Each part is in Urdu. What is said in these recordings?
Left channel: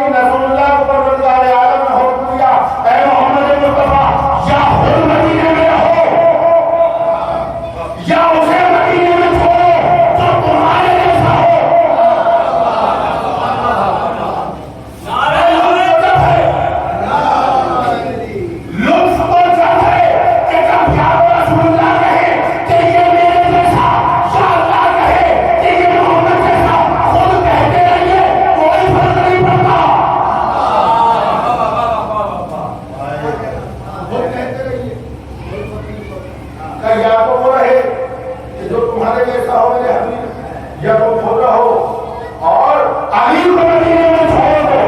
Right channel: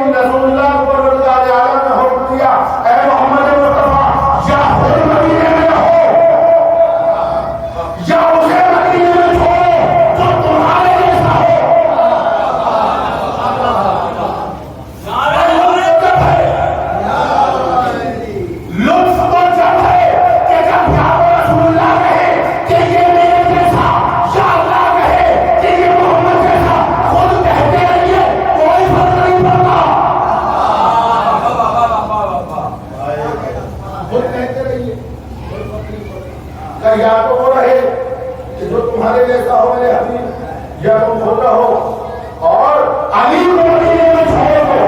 المومنین رسول اللہ کو پروردگار عالم نے حکم دیا اے محمد مصطفیٰ یا خود مدینے میں رہو یا اسے مدینے میں چھوڑو جو تمہارے جیسا ہو. یا تو وہ رہے کہ جو تمہارے جیسا ہو میرے حبیب یا تم خود رہو اور علی کو مدینے میں چھوڑ دو.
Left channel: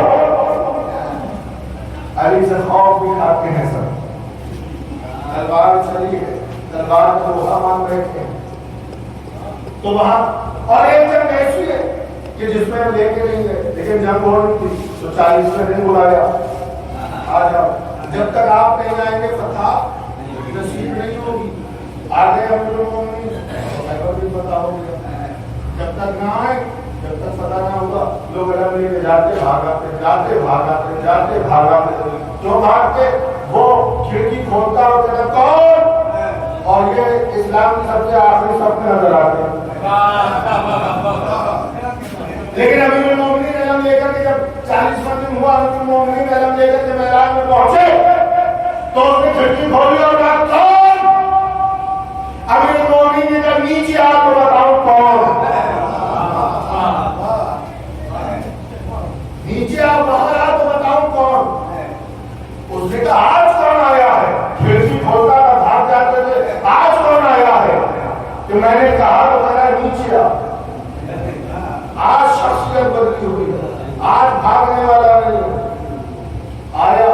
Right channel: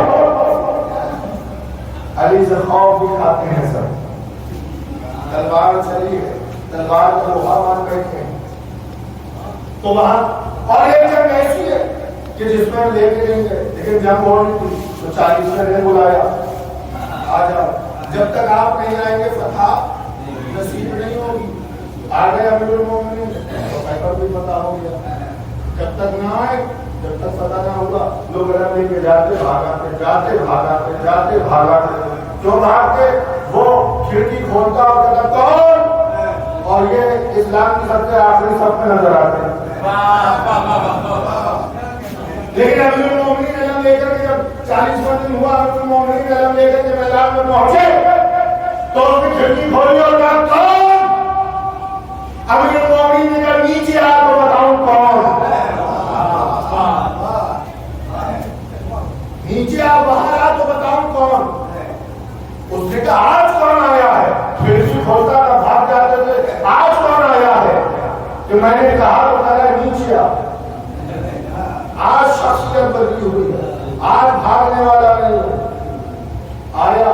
علی سے خوف بھی کھاتے ہیں سر, تلوار چلی ہے, تلوار کا لوہا مان بیٹھے ہیں تو وہاں. اور ایک جنگ ایسی ہے کہ جس میں لے کے نہیں گئے لیکن جنگ ہو رہی تھی تو 40 میں نے بلایا آ جاؤ, جب تک آپ نہیں آئیں گے فتح نصیب نہیں ہوگی. آ گئے امیر المومنین خیبر بھی فتح ہو گیا. جب تک نہ آئے جب تک فتح نہ ہوگا لوگ رب لے کے جاتے بھاگاتے جاتے بھاگاتے جاتے بھاگاتے جو بھاگ کے وہ کھڑکی کھولتا اور کہتا کون, اور یہ اسلام کی سب سے آخری صف میں نظر آتے ہیں. لیکن امیر المومنین علم لے کر کے جب 40واں دن ہوا امیر المومنین علم لے کر کے میدان میں پہنچے تو اس نے کھڑکی کھولی اور کہا کون. امیر المومنین نے کہا نیچے آ تو بتاؤں کون. نیچے آ باہر آ تو بتاؤں کون. اس نے کہا آج کون آیا ہے. کھڑکی کھولتا تھا بھاگ جاتے تھے آج کون آیا ہے. کہ میں نے کہا تو کہا نیچے آ. آج شخصیت بدلی ہوئی ہے, آج بھاگنے والا نہیں آیا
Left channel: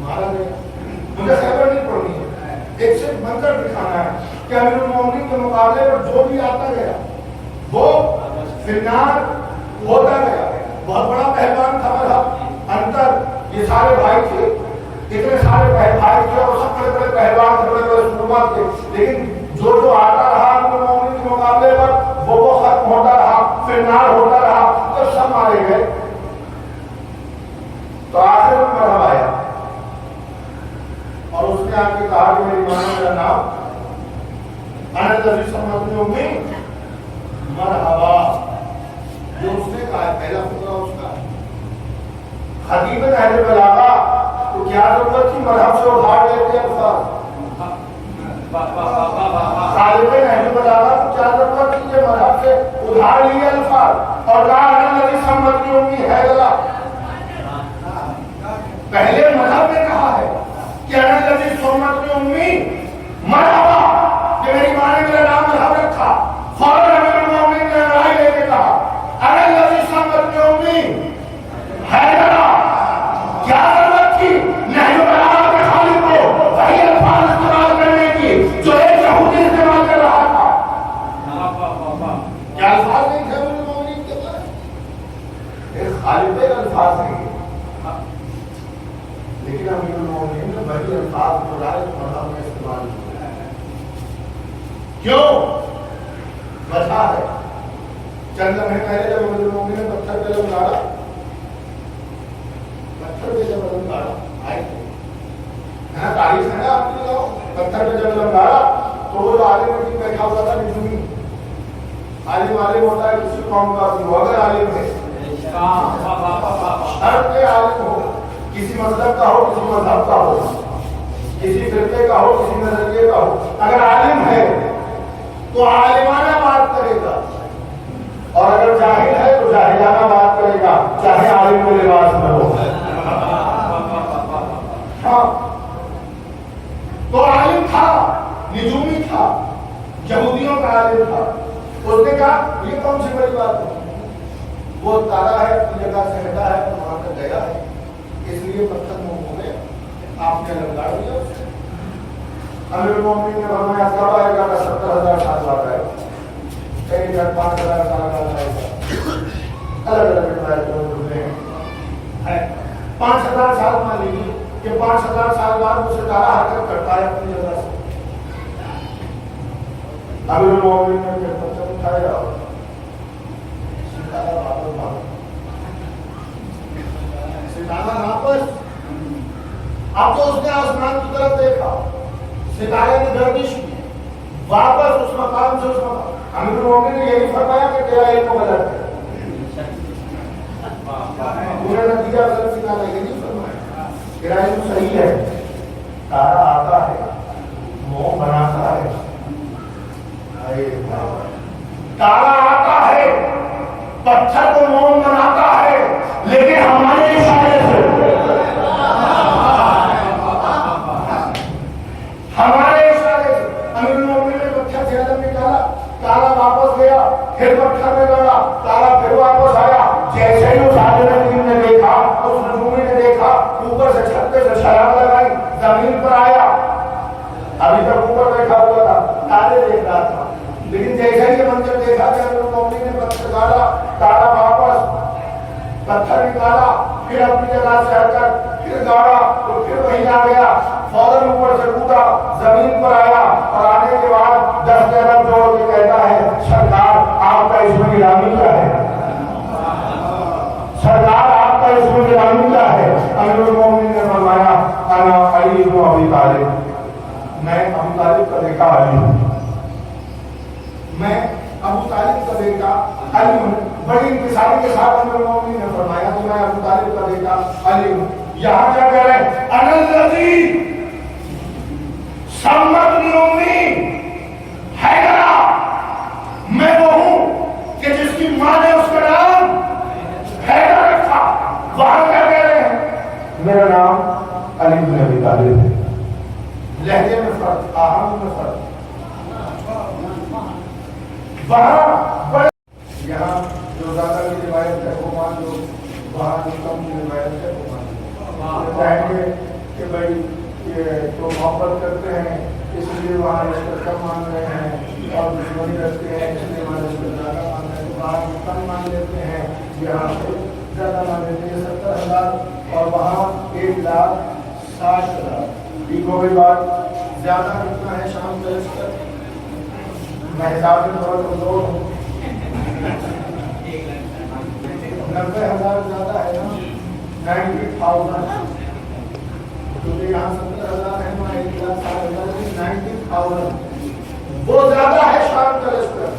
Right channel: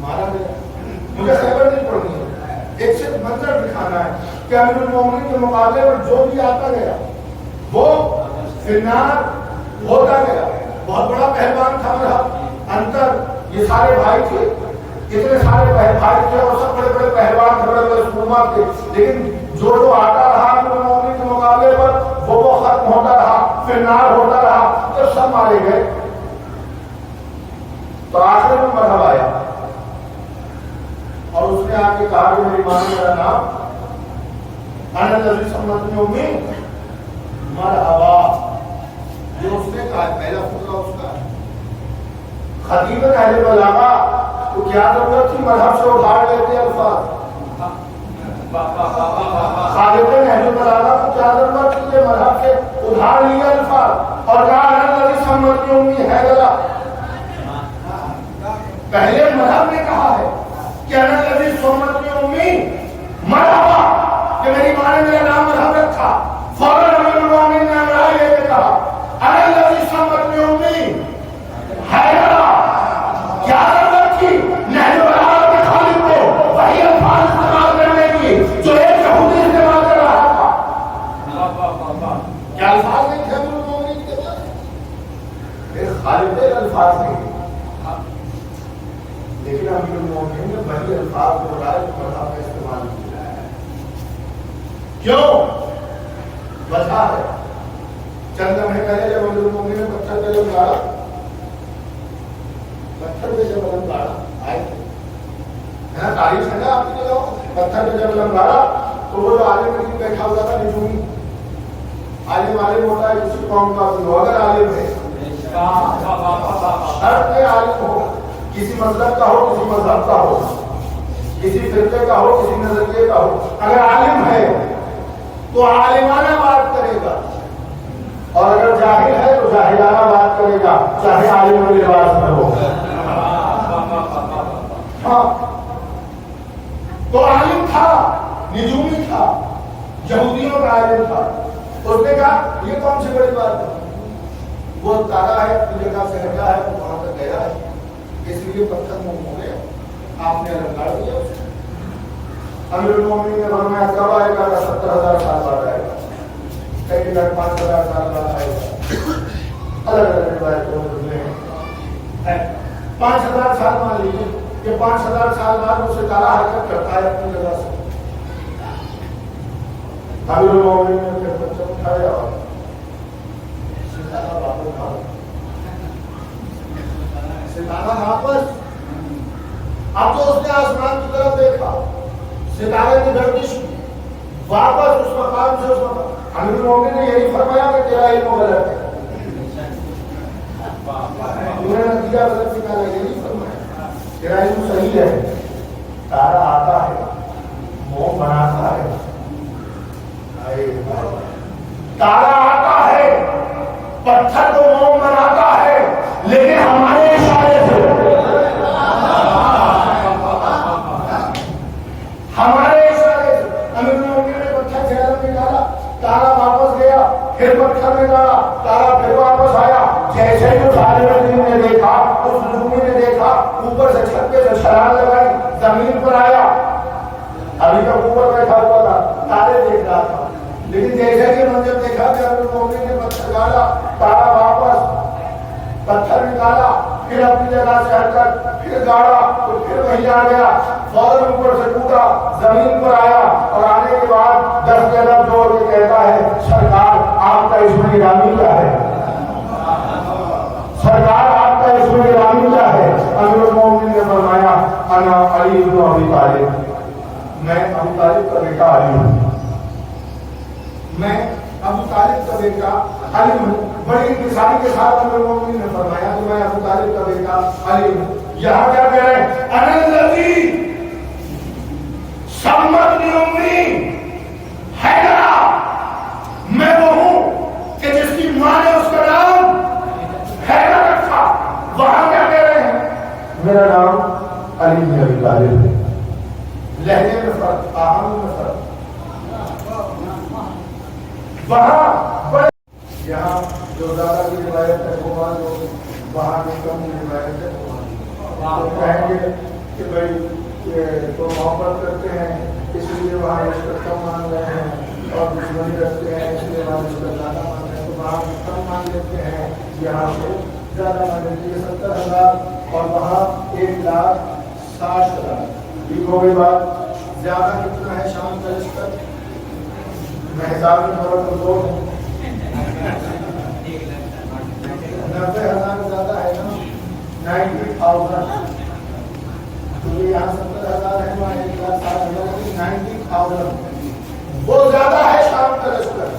مارا گیا. مجھے خبر نہیں پڑنی ہے, ایک صرف منظر دکھانا ہے کہ امیر المومنین کے مقابلے پر جو بھی آتا گیا وہ فنار ہوتا گیا. بہت بڑا پہلوان تھا مذہب انتر, یہ سارے بھائی تھے, اتنے سارے بھائی تھے اور سب بڑے بڑے پہلوان تھے, بڑے بڑے سورما تھے. لیکن جو آتا رہا امیر المومنین کے مقابلے پر وہ ختم ہوتا رہا, فنار ہوتا رہا, تو سب مارے گئے. تو آخر میں مذہب آیا اور اس نے آ کے کہا کہ میری ماں میرا نام انا الذی سمعتنی امی مرحبا. جو اس نے کہا پہلا فقرہ اس کا خطیب اہل بلاغہ تو کیا ضرورت تھی مذہب سے اٹھار لیتے الفاظ. خالد اہل بلاغہ کو کیا ضرورت تھی کہ مذہب سے ادھار لیا الفاظ اور کہا انا الذی سمعتنی امی حیدرہ. پہلے مذہب نے کہا ہے کہ انا الذی سمعتنی امی مرحبا, کہ میری ماں نے میرا نام مذہب رکھا. فوراً امیر المومنین نے لڑائی لے کے کہا انا الذی سمعتنی امی حیدرہ. کیا ضرورت تھی نہج البلاغہ کے خالد کو وہی الفاظ استعمال کرنے کی جو ایک یہودی استعمال کر رہا تھا. کیا الفاظ نہیں تھے امیر المومنین کے پاس؟ ایک خالد کے الفاظ نہیں, لیکن امیر المومنین نے وہی الفاظ کو رائے مذہب میں استعمال کیا. کیوں؟ وجہ ہے چند لمحے پہلے جب امیر المومنین نے پتھر پہ لم ڈالا, پتھر پہ جب لم ڈالا آئے تھے یہاں تاریخ ہے نا آپ کی جگہ, پتھر پہ جب لم ڈالا تو وہ جو عالم نجوم بیٹھا ہوا تھا نجومی عالم ہوتا ہے کسی قوم کا, اگر عالم ہے شرط کے عالم ہو, کسی مذہب کا ہو کسی مذہب کا ہو, کسی فرقے کا ہو کسی نظریے کا ہو, اگر عالم ہے تو عالمانہ بات کرے گا, اور اگر جاہل ہے تو جاہلانہ بات کرے گا, چاہے عالم کو لباس میں ہو. ہاں تو عالم تھا, نجومی تھا, یہودیوں کا عالم تھا. اس نے کہا یہ کون سی بڑی بات ہے, وہ تارا ہے اپنی جگہ سے ہٹا ہے تو وہاں تک گیا ہے, اس لیے پتھر منہ ہو گئے, آپ نے الگ گاڑ دیا. امیر المومنین نے فرمایا کب آئے گا, 70,000 سال بعد آئے گا, کئی گھر 5,000 سال بعد آئے گا. الگ الگ روایتوں میں 5,000 سال مان لیجیے کہ 5,000 سال بعد وہ ستارہ حرکت کرتا ہے اپنی جگہ سے. امیر المومنین نے پھر پتھر اٹھایا اب تو اس نے آسمان کی طرف دیکھا، ستارے کی گردش کی، واپس اس مقام سے اس مقام۔ امیر المومنین نے یہی فرمایا کہ تیرا علم غلط ہے، تم نے نتیجہ غلط نکالا، یہ نہیں فرمایا تیرا علم صحیح ہے۔ تارا آتا ہے، موم بناتا ہے، تارا آتا ہے، پتھر کو موم بناتا ہے، لیکن ہمارے اشارے سے، ہمارے اشارے سے امیر المومنین نے پتھر جہنم میں ڈالا، تارا واپس گیا، پھر پتھر میں ڈالا، تارا پھر واپس آیا۔ جیسے ہی اس عالم نے دیکھا، اس نجومی نے دیکھا، اوپر سے چھت پہ سے چھلانگ لگائی، زمین پر آیا۔ ابھی تک اوپر بیٹھا ہوا تھا، تارے دیکھ رہا تھا، لیکن جیسے ہی منظر دیکھا کہ امیر المومنین نے پتھر ڈالا، تارا واپس، پتھر نکالا، پھر اپنی جگہ سے ہٹ کر پھر گاڑا تو پھر وہیں آ گیا، فوراً اوپر سے ٹوٹا، زمین پر آیا، اور آنے کے بعد 10 جگہ دوڑ کے کہتا ہے سرکار آپ کا اس میں گرامی کیا ہے، سرکار آپ کا اس میں گرامی کیا ہے؟ امیر المومنین نے فرمایا انا علی بن ابی طالب، میں ابو طالب کا بیٹا علی ہوں، میں ابو طالب کا بیٹا علی ہوں۔ بڑی انتصاری کے ساتھ امیر المومنین نے فرمایا کہ میں ابو طالب کا بیٹا علی ہوں۔ یہاں کیا کہہ رہے ہیں؟ انا الذی سمتنی امی حیدرا، میں وہ ہوں کہ جس کی ماں نے اس کا نام حیدر رکھا۔ وہاں کیا کہہ رہے ہیں؟ میرا نام علی بن ابی طالب ہے۔ لہجے میں فرق، آہنگ میں فرق، وہاں یہاں جو زیادہ کی روایت ہے وہ مان لو، وہاں جو کم کی روایت ہے وہ مان لو۔ کہیں گے کہ بھائی یہ تو محبت کرتے ہیں اس لیے وہاں رشوت کم مان رہے ہیں، اور دشمنی رکھتے ہیں اس لیے وہاں رشوت زیادہ مان رہے ہیں، وہاں کم مان لیتے ہیں یہاں سے زیادہ مان لیتے ہیں۔ 70,000 اور وہاں 1,60,000، ٹھیک ہو گئی بات؟ زیادہ کتنا ہے شام کا لشکر؟ میں حساب میں تھوڑا کمزور ہوں، 90,000 زیادہ ہے نا، 90,000، کیونکہ یہاں 70,000 ہے، وہاں 1,60,000، 90,000 وہ زیادہ ہے شام کا لشکر،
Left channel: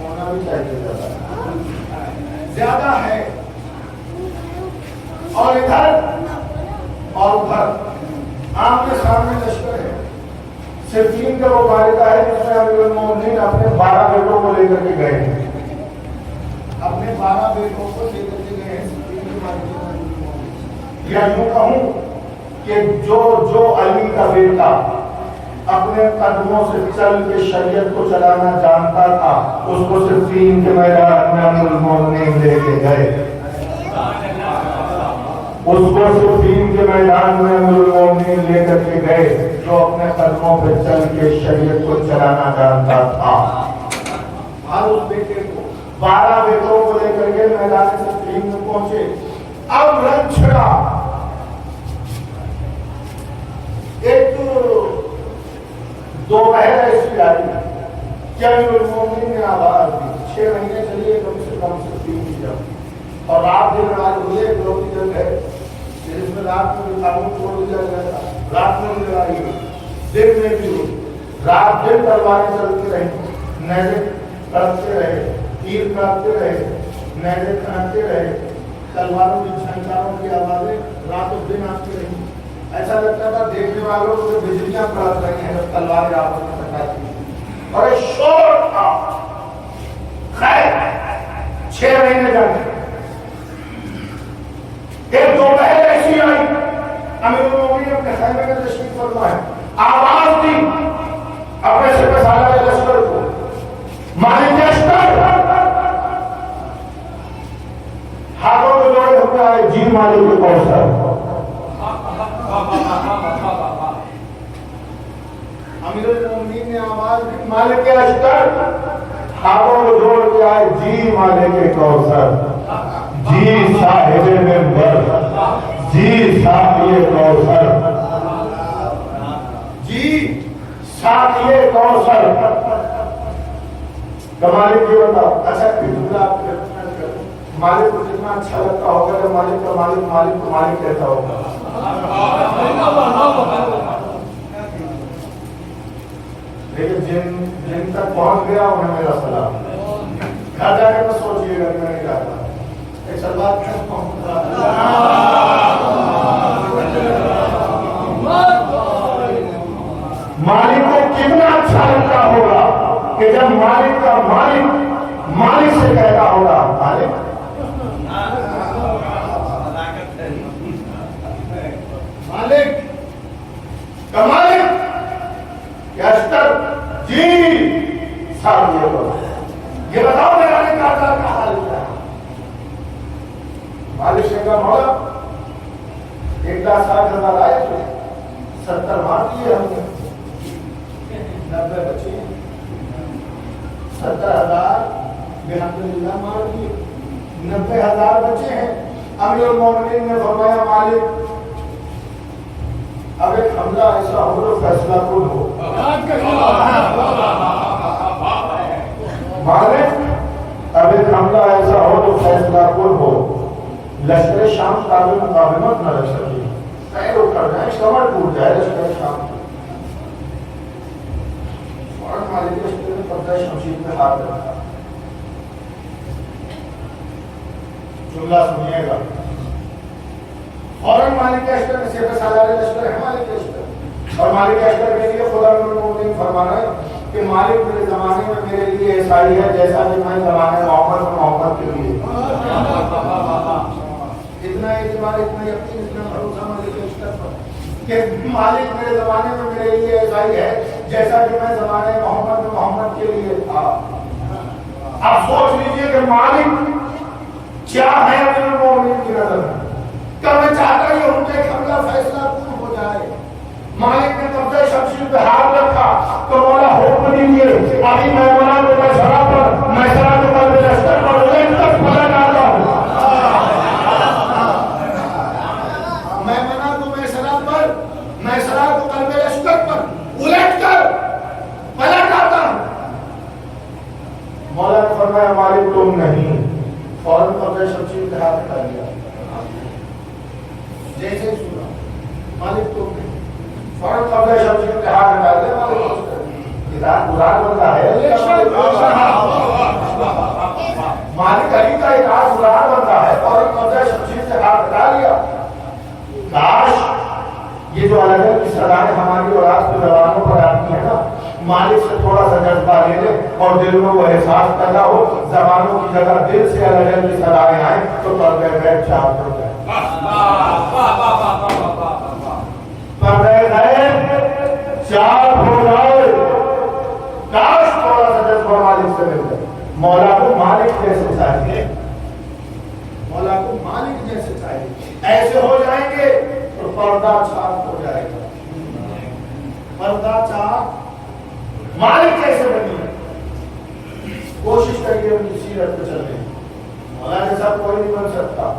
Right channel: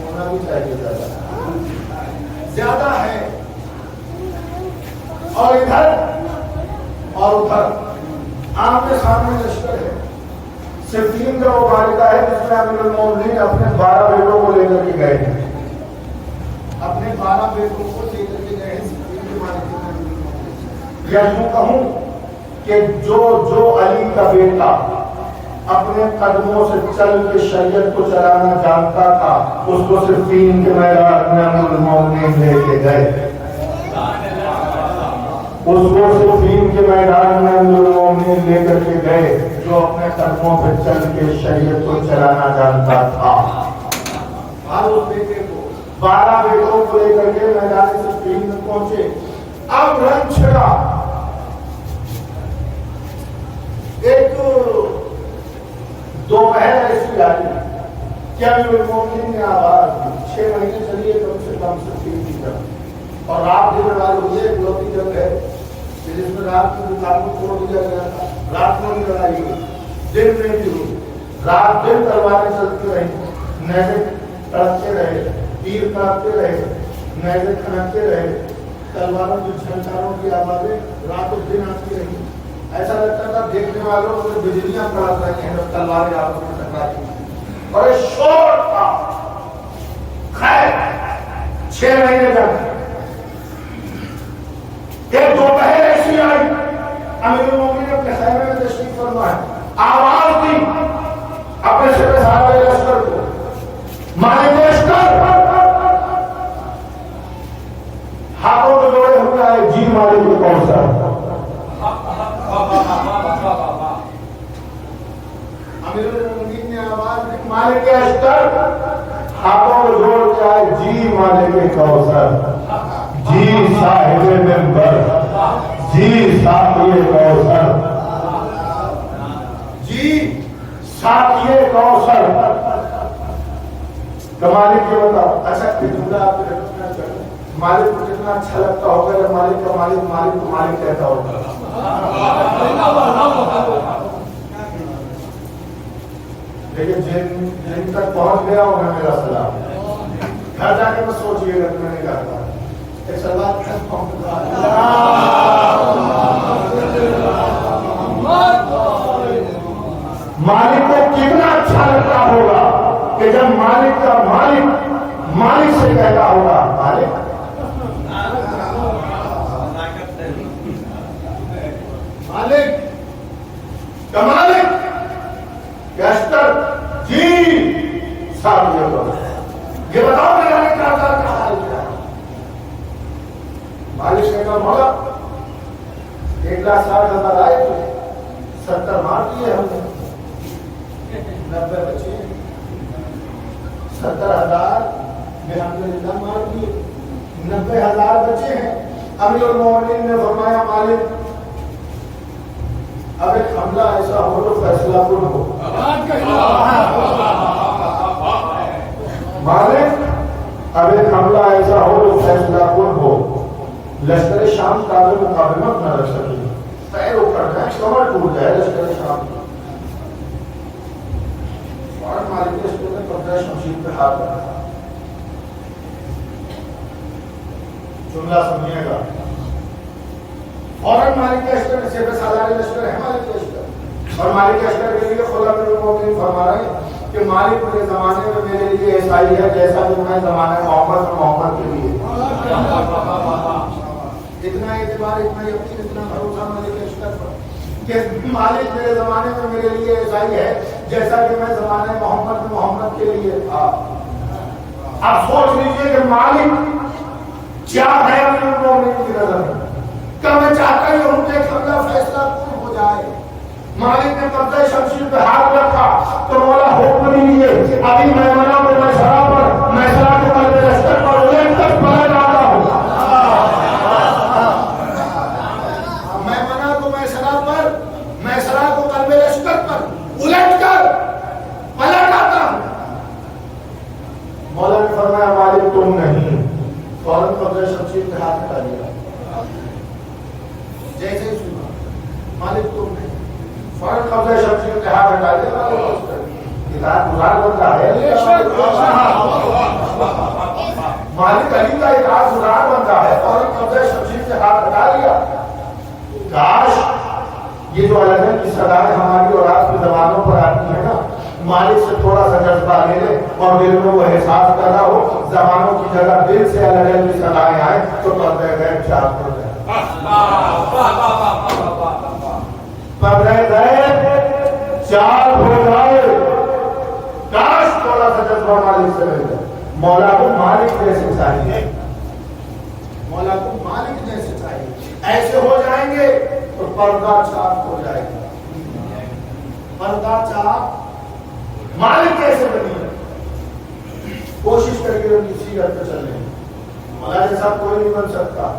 ہونا بھی چاہیے زیادہ ہے۔ اور ادھر اور ادھر آپ کے سامنے لشکر ہے۔ صفین کا مبارکہ ہے جس میں امیر المومنین اپنے 12 بیٹوں کو لے کر کے گئے ہیں، اپنے 12 بیٹوں کو لے کر کے گئے ہیں صفین کے مبارکہ میں۔ یا یوں کہوں کہ جو علی کا بیٹا اپنے قدموں سے چل کے شریعت کو چلانا جانتا تھا، اس کو صفین کے میدان میں امیر المومنین لے کے گئے، اس کو صفین کے میدان میں امیر المومنین لے کر کے گئے جو اپنے قدموں پہ چل کے شریعت کو چلانا جانتا تھا۔ اور اس بیٹے کو 12 بیٹوں کو لے کر کے میدان صفین میں پہنچے۔ اب رنگ چھڑا، ایک دوپہر ایسی آئی کہ امیر المومنین نے آواز دی، 6 مہینے چلیے کم سے کم صفین کی جنگ، اور رات دن رات ہوئی ایک لوٹی جنگ ہے جس میں رات میں قابو چھوڑ دیا گیا تھا، رات میں بھی لڑائی ہوئی، دن میں بھی ہوئی، رات دن تلواریں چلتی رہی، نیزے تڑپتے رہے، تیر کاٹتے رہے، نیزے کھنکتے رہے، تلواروں کی جھنکاروں کی آوازیں رات دن آتی رہی۔ ایسا لگتا تھا دیکھنے والوں کو بجلیاں کڑک رہی ہیں جب تلواریں آپس میں ٹکراتی ہیں، اور ایک شور تھا۔ خیر 6 مہینے جنگ، ایک دوپہر ایسی آئی، امیر المومنین اپنے خیمے میں تشریف فرما ہے، آواز دی اپنے سپہ سالار لشکر کو، مالک لشکر ہاتھوں کو جوڑے ہوئے ہے، جی مالک کوثر۔ امیر المومنین نے آواز دی مالک لشکر، ہاتھوں کو جوڑ کے آئے، جی مالک کوثر، جی صاحب منبر، جی ساقی کوثر، جی ساقی کوثر۔ تو مالک یہ بتاؤ، اچھا جملہ آپ کو مالک کو جتنا اچھا لگتا ہوگا جب مالک کا مالک مالک کو مالک کہتا ہوگا، لیکن جن تک پہنچ گیا انہیں میرا سلام. گھر جا کے میں سوچیے گا کہ میں نے کیا کہا. ایک سلام مالک کو کتنا اچھا لگتا ہوگا کہ جب مالک کا مالک سے کہتا ہوگا مالک مالک یشتر جی صاحب یہ بتاؤ میرا نے کیا حال کیا. مالک سے کہا مولا 1,60,000 آئے تو 70 مار دیے ہم نے 90 بچے 70,000 الحمدللہ مار دیے 90,000 بچے ہیں. امیر المومنین نے فرمایا مالک اب ایک حملہ ایسا ہو تو فیصلہ کن ہو. مالک اب ایک حملہ ایسا ہو تو فیصلہ کن ہو. لشکر شام قابل مقاومت نہ رکھ سکی. پیر اکڑ جائے کمر ٹوٹ جائے لشکر شام کی. فوراً مالک اشتر نے قبضہ شمشیر پہ ہاتھ رکھا. جملہ سنیے گا. فوراً مالک اشتر نے سیف سالاری لشکر ہے مالک اشتر اور مالک اشتر کے لیے خدا امیر المومنین فرما رہے ہیں کہ مالک میرے زمانے میں میرے لیے عیسائی ہے جیسا کہ میں زمانے محمد کے لیے. اتنا اعتبار اتنا یقین اتنا بھروسہ مالک اشتر پر کہ مالک میرے زمانے میں میرے لیے عیسائی ہے جیسا کہ میں زمانے محمد کے لیے تھا. اب سوچ لیجئے کہ مالک کیا ہے امیر المومنین کی نظر میں. کیا میں چاہتا ہی ہوں کہ حملہ فیصلہ کن ہو جائے. مالک نے قبضہ شمشیر پہ ہاتھ رکھا تو مولا حکم دیجیے ابھی میمنہ کو میسرہ پر میسرہ کو قلب لشکر پر الٹ کر مارا جاتا ہوں. میمنہ کو میسرہ کو قلب لشکر پر الٹ کر پلٹ آتا ہوں. مولا نے فرمایا مالک تم نہیں. فوراً قبضہ شمشیر پہ ہاتھ ہٹا دیا. جیسے ہی سنا مالک تم نہیں. فوراً قبضہ شمشیر پہ ہاتھ ہٹا دیا. مالک گزار بندہ ہے. مالک علی کا اطاعت گزار بندہ ہے. فوراً قبضہ شمشیر پہ ہاتھ ہٹا لیا. کاش یہ جو الگ الگ کی صدایں ہماری اور آپ کی زبانوں پر آتی ہیں نا مالک سے تھوڑا سا جذبہ لے لے اور دل میں وہ احساس پیدا ہو زبانوں کی جگہ دل سے الگ الگ کی صدایں آئیں تو پردے غیب چاک ہو جائے. پردے غیب چاک ہو جائے. کاش تھوڑا سا جذبہ مالک سے مل جائے. مولا کو مالک جیسے چاہیے. مولا کو مالک جیسے چاہیے. ایسے ہو جائیں گے تو پردہ چاک ہو جائے گا. پردہ چاک مالک کیسے بنی ہے. کوشش کریے ان کی سیرت پہ چلنے. مولا جیسا کوئی نہیں بن سکتا.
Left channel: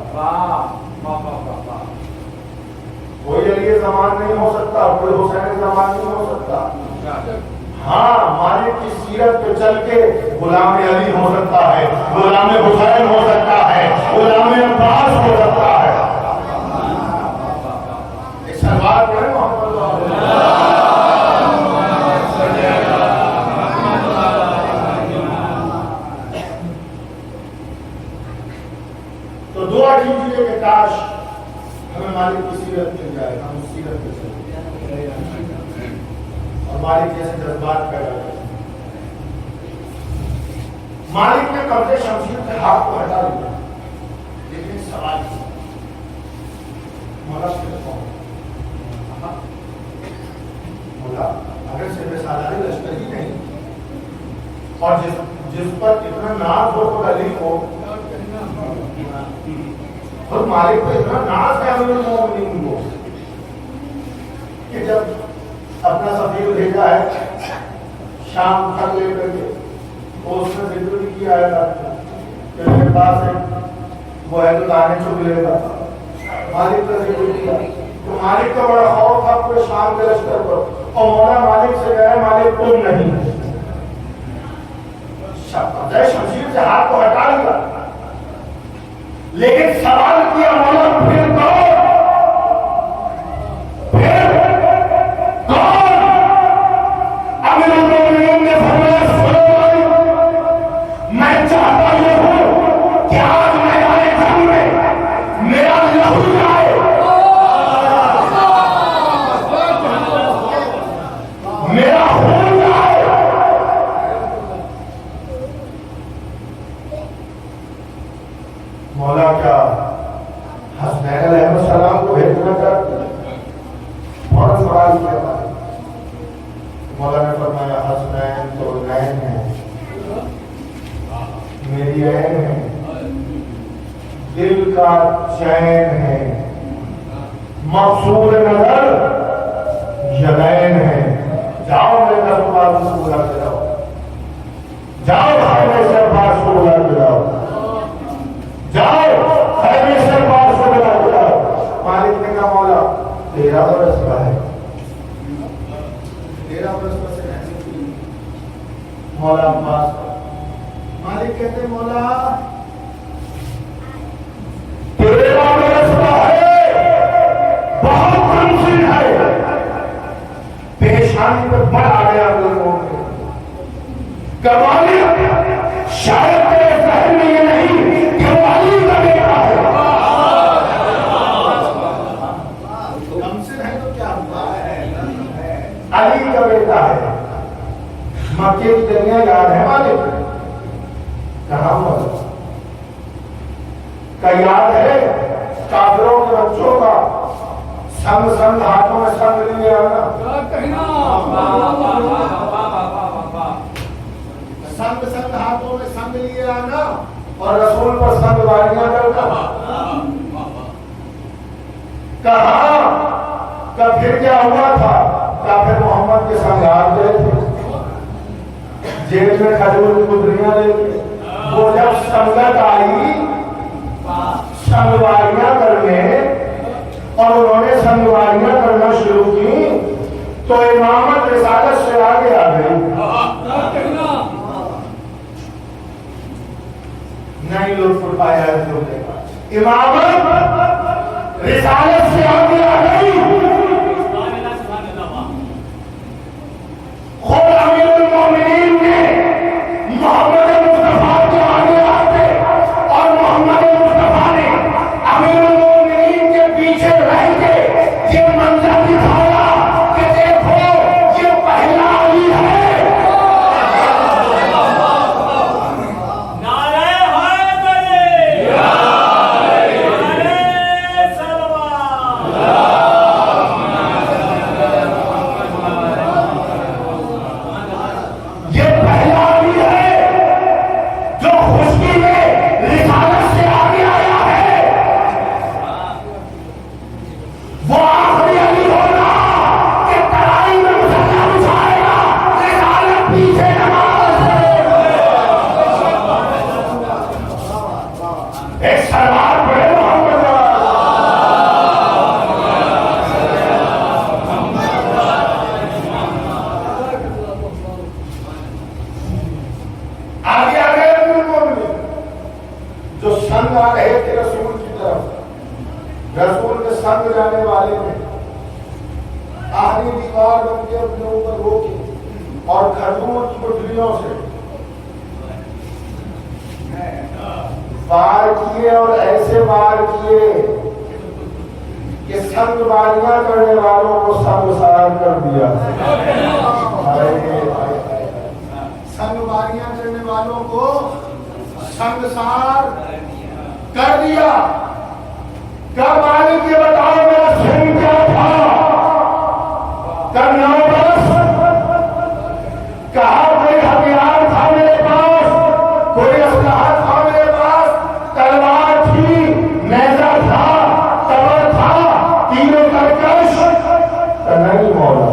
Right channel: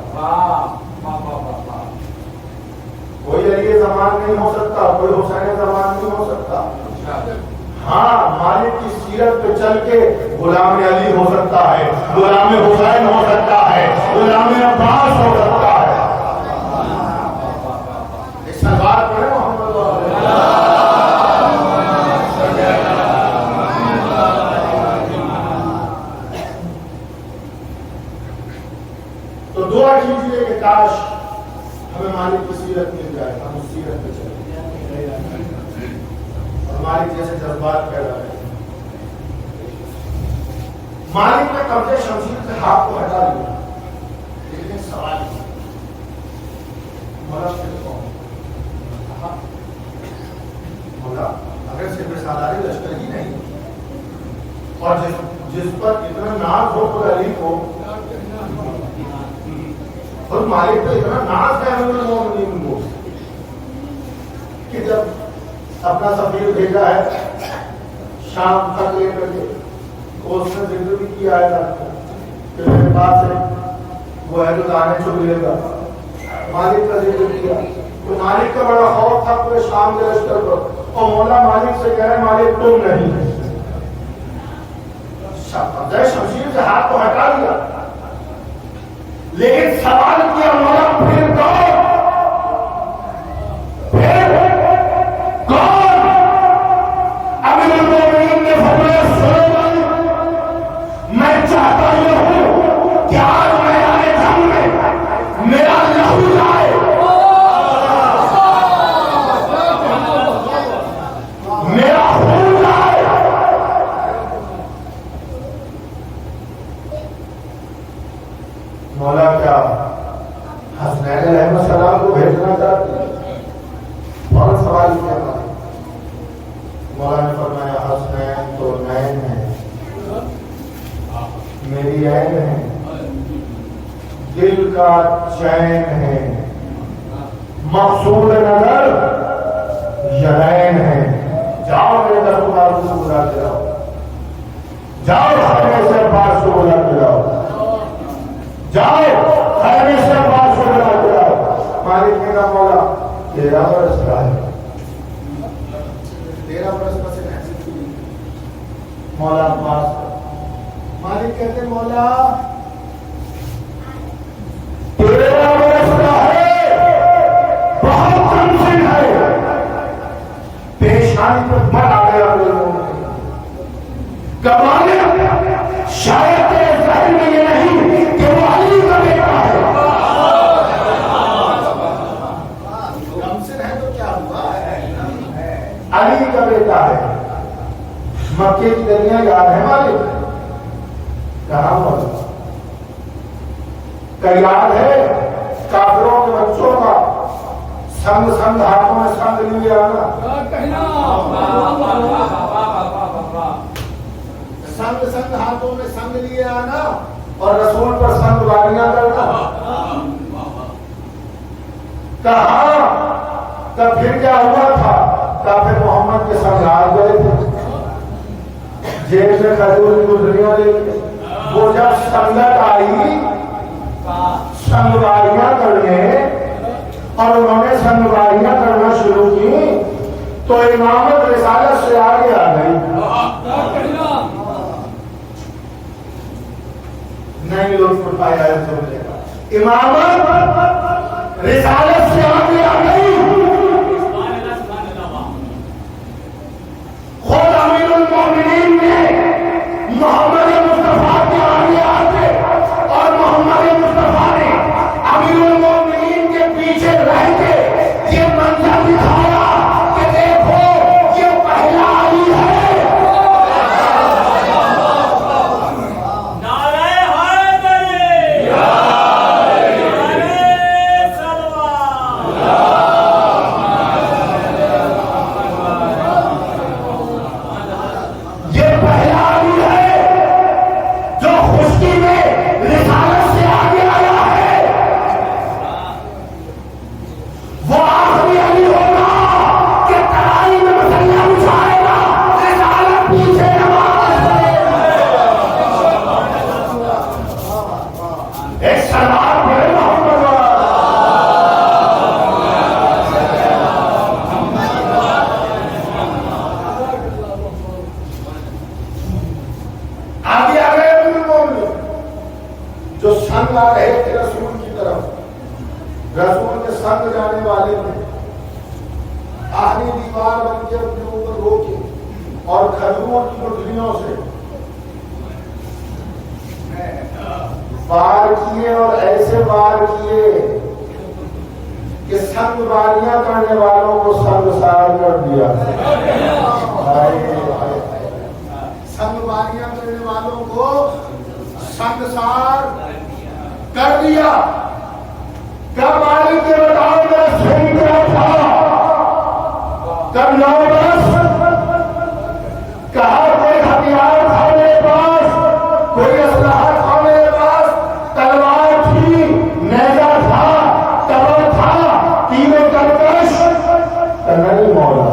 کوئی علی زمان نہیں ہو سکتا. کوئی حسین زمان نہیں ہو سکتا. ہاں مالک کی سیرت پہ چل کے غلام علی ہو سکتا ہے. غلام حسین ہو سکتا ہے. غلام عباس ہو سکتا ہے. اس سوال پہ تو دعا کیجیے کہ کاش ہمیں مالک کی سیرت مل جائے. ہم اس سیرت پہ چلیں اور مالک جیسے جذبات پیدا کریں. مالک نے قبضے شمشیر سے ہاتھ کو ہٹا دیا. لیکن سوال مولا پھر کون مولا اگر صرف سالاری لشکر ہی نہیں اور جس پر اتنا ناز ہو خود علی کو اور مالک پہ اتنا ناز ہے امیر المومنین کو کہ جب اپنا سفیر بھیجا ہے شام خط لے کر کے تو اس نے ذکر بھی کیا ہے کہ میرے پاس ہے وہ ہے تو لانے چھوڑ لے گا. مالک کا ذکر کیا تو مالک کا بڑا خوف تھا پورے شام کے لشکر پر. اور مولا مالک سے کہہ رہے مالک تم نہیں. شمشیر سے ہاتھ کو ہٹا لیا لیکن سوال کیا مولا پھر میں چاہتا یہ ہوں کہ آج میدان جنگ میں میرا لہو جائے، میرا خون جائے۔ مولا کیا حسنین علیہ السلام کو بھیجنا چاہتے ہیں؟ بہت سوال کیا ہے۔ مولا نے فرمایا حسنین تو نین ہے، میری عین ہے، دل کا چین ہے، مقصود نظر یدین ہے۔ جاؤ میرے دربار سے بلا کے لاؤ، جاؤ خیمے سے عباس کو بلا کے لاؤ، جاؤ خیمے سے عباس کو بلا کے لاؤ۔ مالک نے کہا مولا 13 برس کا ہے، 13 برس کا سے مولا عباس، مالک کہتے مولا 13 برس کا ہے، بہت کمسن ہے۔ پیشانی پر بڑھ آ گیا لوگوں کے کمانے، شاید تیرے ذہن میں یہ نہیں کہ وہ علی کا بیٹا ہے۔ کمسن ہے تو کیا ہوا، علی کا بیٹا ہے۔ مکے کی دنیا یاد ہے مالک؟ کہاں مولا کا یاد ہے؟ کافروں کے بچوں کا سنگ سنگ ہاتھوں میں سنگ لیے آنا، سنگ سنگ ہاتھوں میں سنگ لیے آنا اور رسول پر سنگ واریاں کرنا۔ کہاں کا پھر کیا ہوا تھا؟ کافر محمد کے سنگ ہار گئے تھے، جیب میں کھجور کی گدریاں لے کے۔ وہ جب سنگت آئی سنگواریاں کرنے اور انہوں نے سنگواریاں کرنا شروع کی تو امامت رسالت سے آگے آ گئی۔ نہیں لطف اٹھایا ہے سننے کا، امامت رسالت سے آگے آ گئی۔ خود امیر المومنین نے محمد مصطفیٰ کے آگے آتے اور محمد مصطفیٰ نے امیر المومنین کے پیچھے رہ کے یہ منظر دکھایا کہ دیکھو یہ پہلا علی ہے۔ نعرہ حیدری، نعرہ سلوان، یہ پہلا علی ہے جو خشکی میں رسالت سے آگے آیا ہے۔ وہ آخری علی ہوگا کہ ترائی میں مسلح بچھائے گا، رسالت پیچھے نماز ہے۔ ایک سلوات پڑھے محمد آگے آ گئے امیر المومنین جو سنگ آ رہے تھے رسول کی طرف، رسول کے سنگ جانے والے میں آخری دیوار بن کے اپنے اوپر روکی اور کھجور کی گٹھلیوں سے وار کیے اور ایسے وار کیے کہ سنگ واریاں کرنے والوں کو سنگسار کر دیا۔ سنگ واریاں کرنے والوں کو سنگسار کر دیا۔ کب آنے کے بتاؤ میرا سن کیا تھا؟ کب 9 برس؟ کہا کوئی ہتھیار تھا میرے پاس، کوئی اسلحہ تھا میرے پاس، تلوار تھی، نیزہ تھا، تبر تھا، تیر و ترکش؟ نہیں مولا،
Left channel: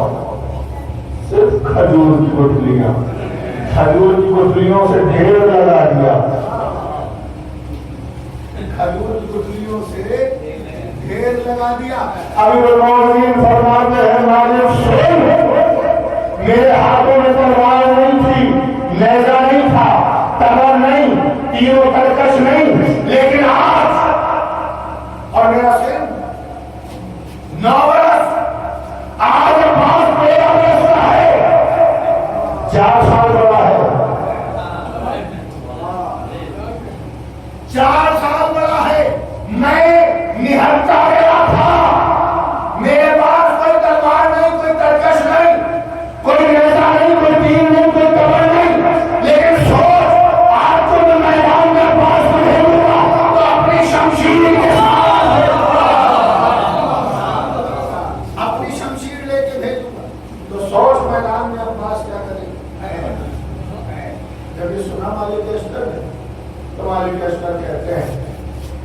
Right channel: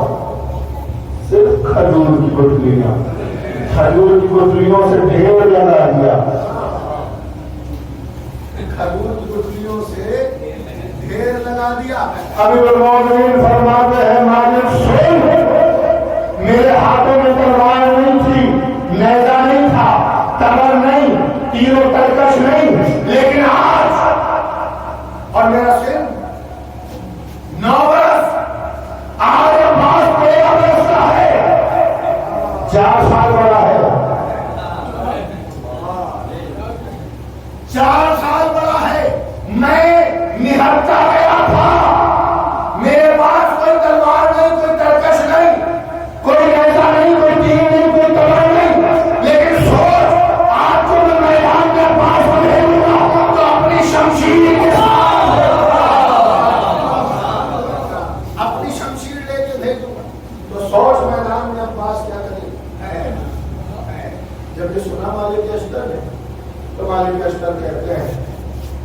صرف کھجور کی گٹھلیاں، کھجور کی گٹھلیوں سے ڈھیر لگا دیا، کھجور کی گٹھلیوں سے ڈھیر لگا دیا۔ امیر المومنین فرماتے ہیں مالک سن، میرے ہاتھوں میں تلوار نہیں تھی، نیزہ نہیں تھا، تبر نہیں، تیر و ترکش نہیں، لیکن آج اور میرا سن 9 برس، آج عباس 13 برس کا ہے، 4 سال بڑا ہے۔ 4 سال بڑا ہے، میں نہرتا گیا تھا، میرے پاس کوئی تلوار نہیں، کوئی ترکش نہیں، کوئی نیزہ نہیں، کوئی تیر نہیں، کوئی کمر نہیں، لیکن سوچ آج کو میں میدان کے پاس بھیجوں گا تو اپنی شمشیر کے ساتھ اپنی شمشیر لے کے بھیجوں گا، تو سوچ میدان میں عباس کیا کرے۔ جب یہ سنا مالک اشتر نے تو مالک اشتر کہتے ہیں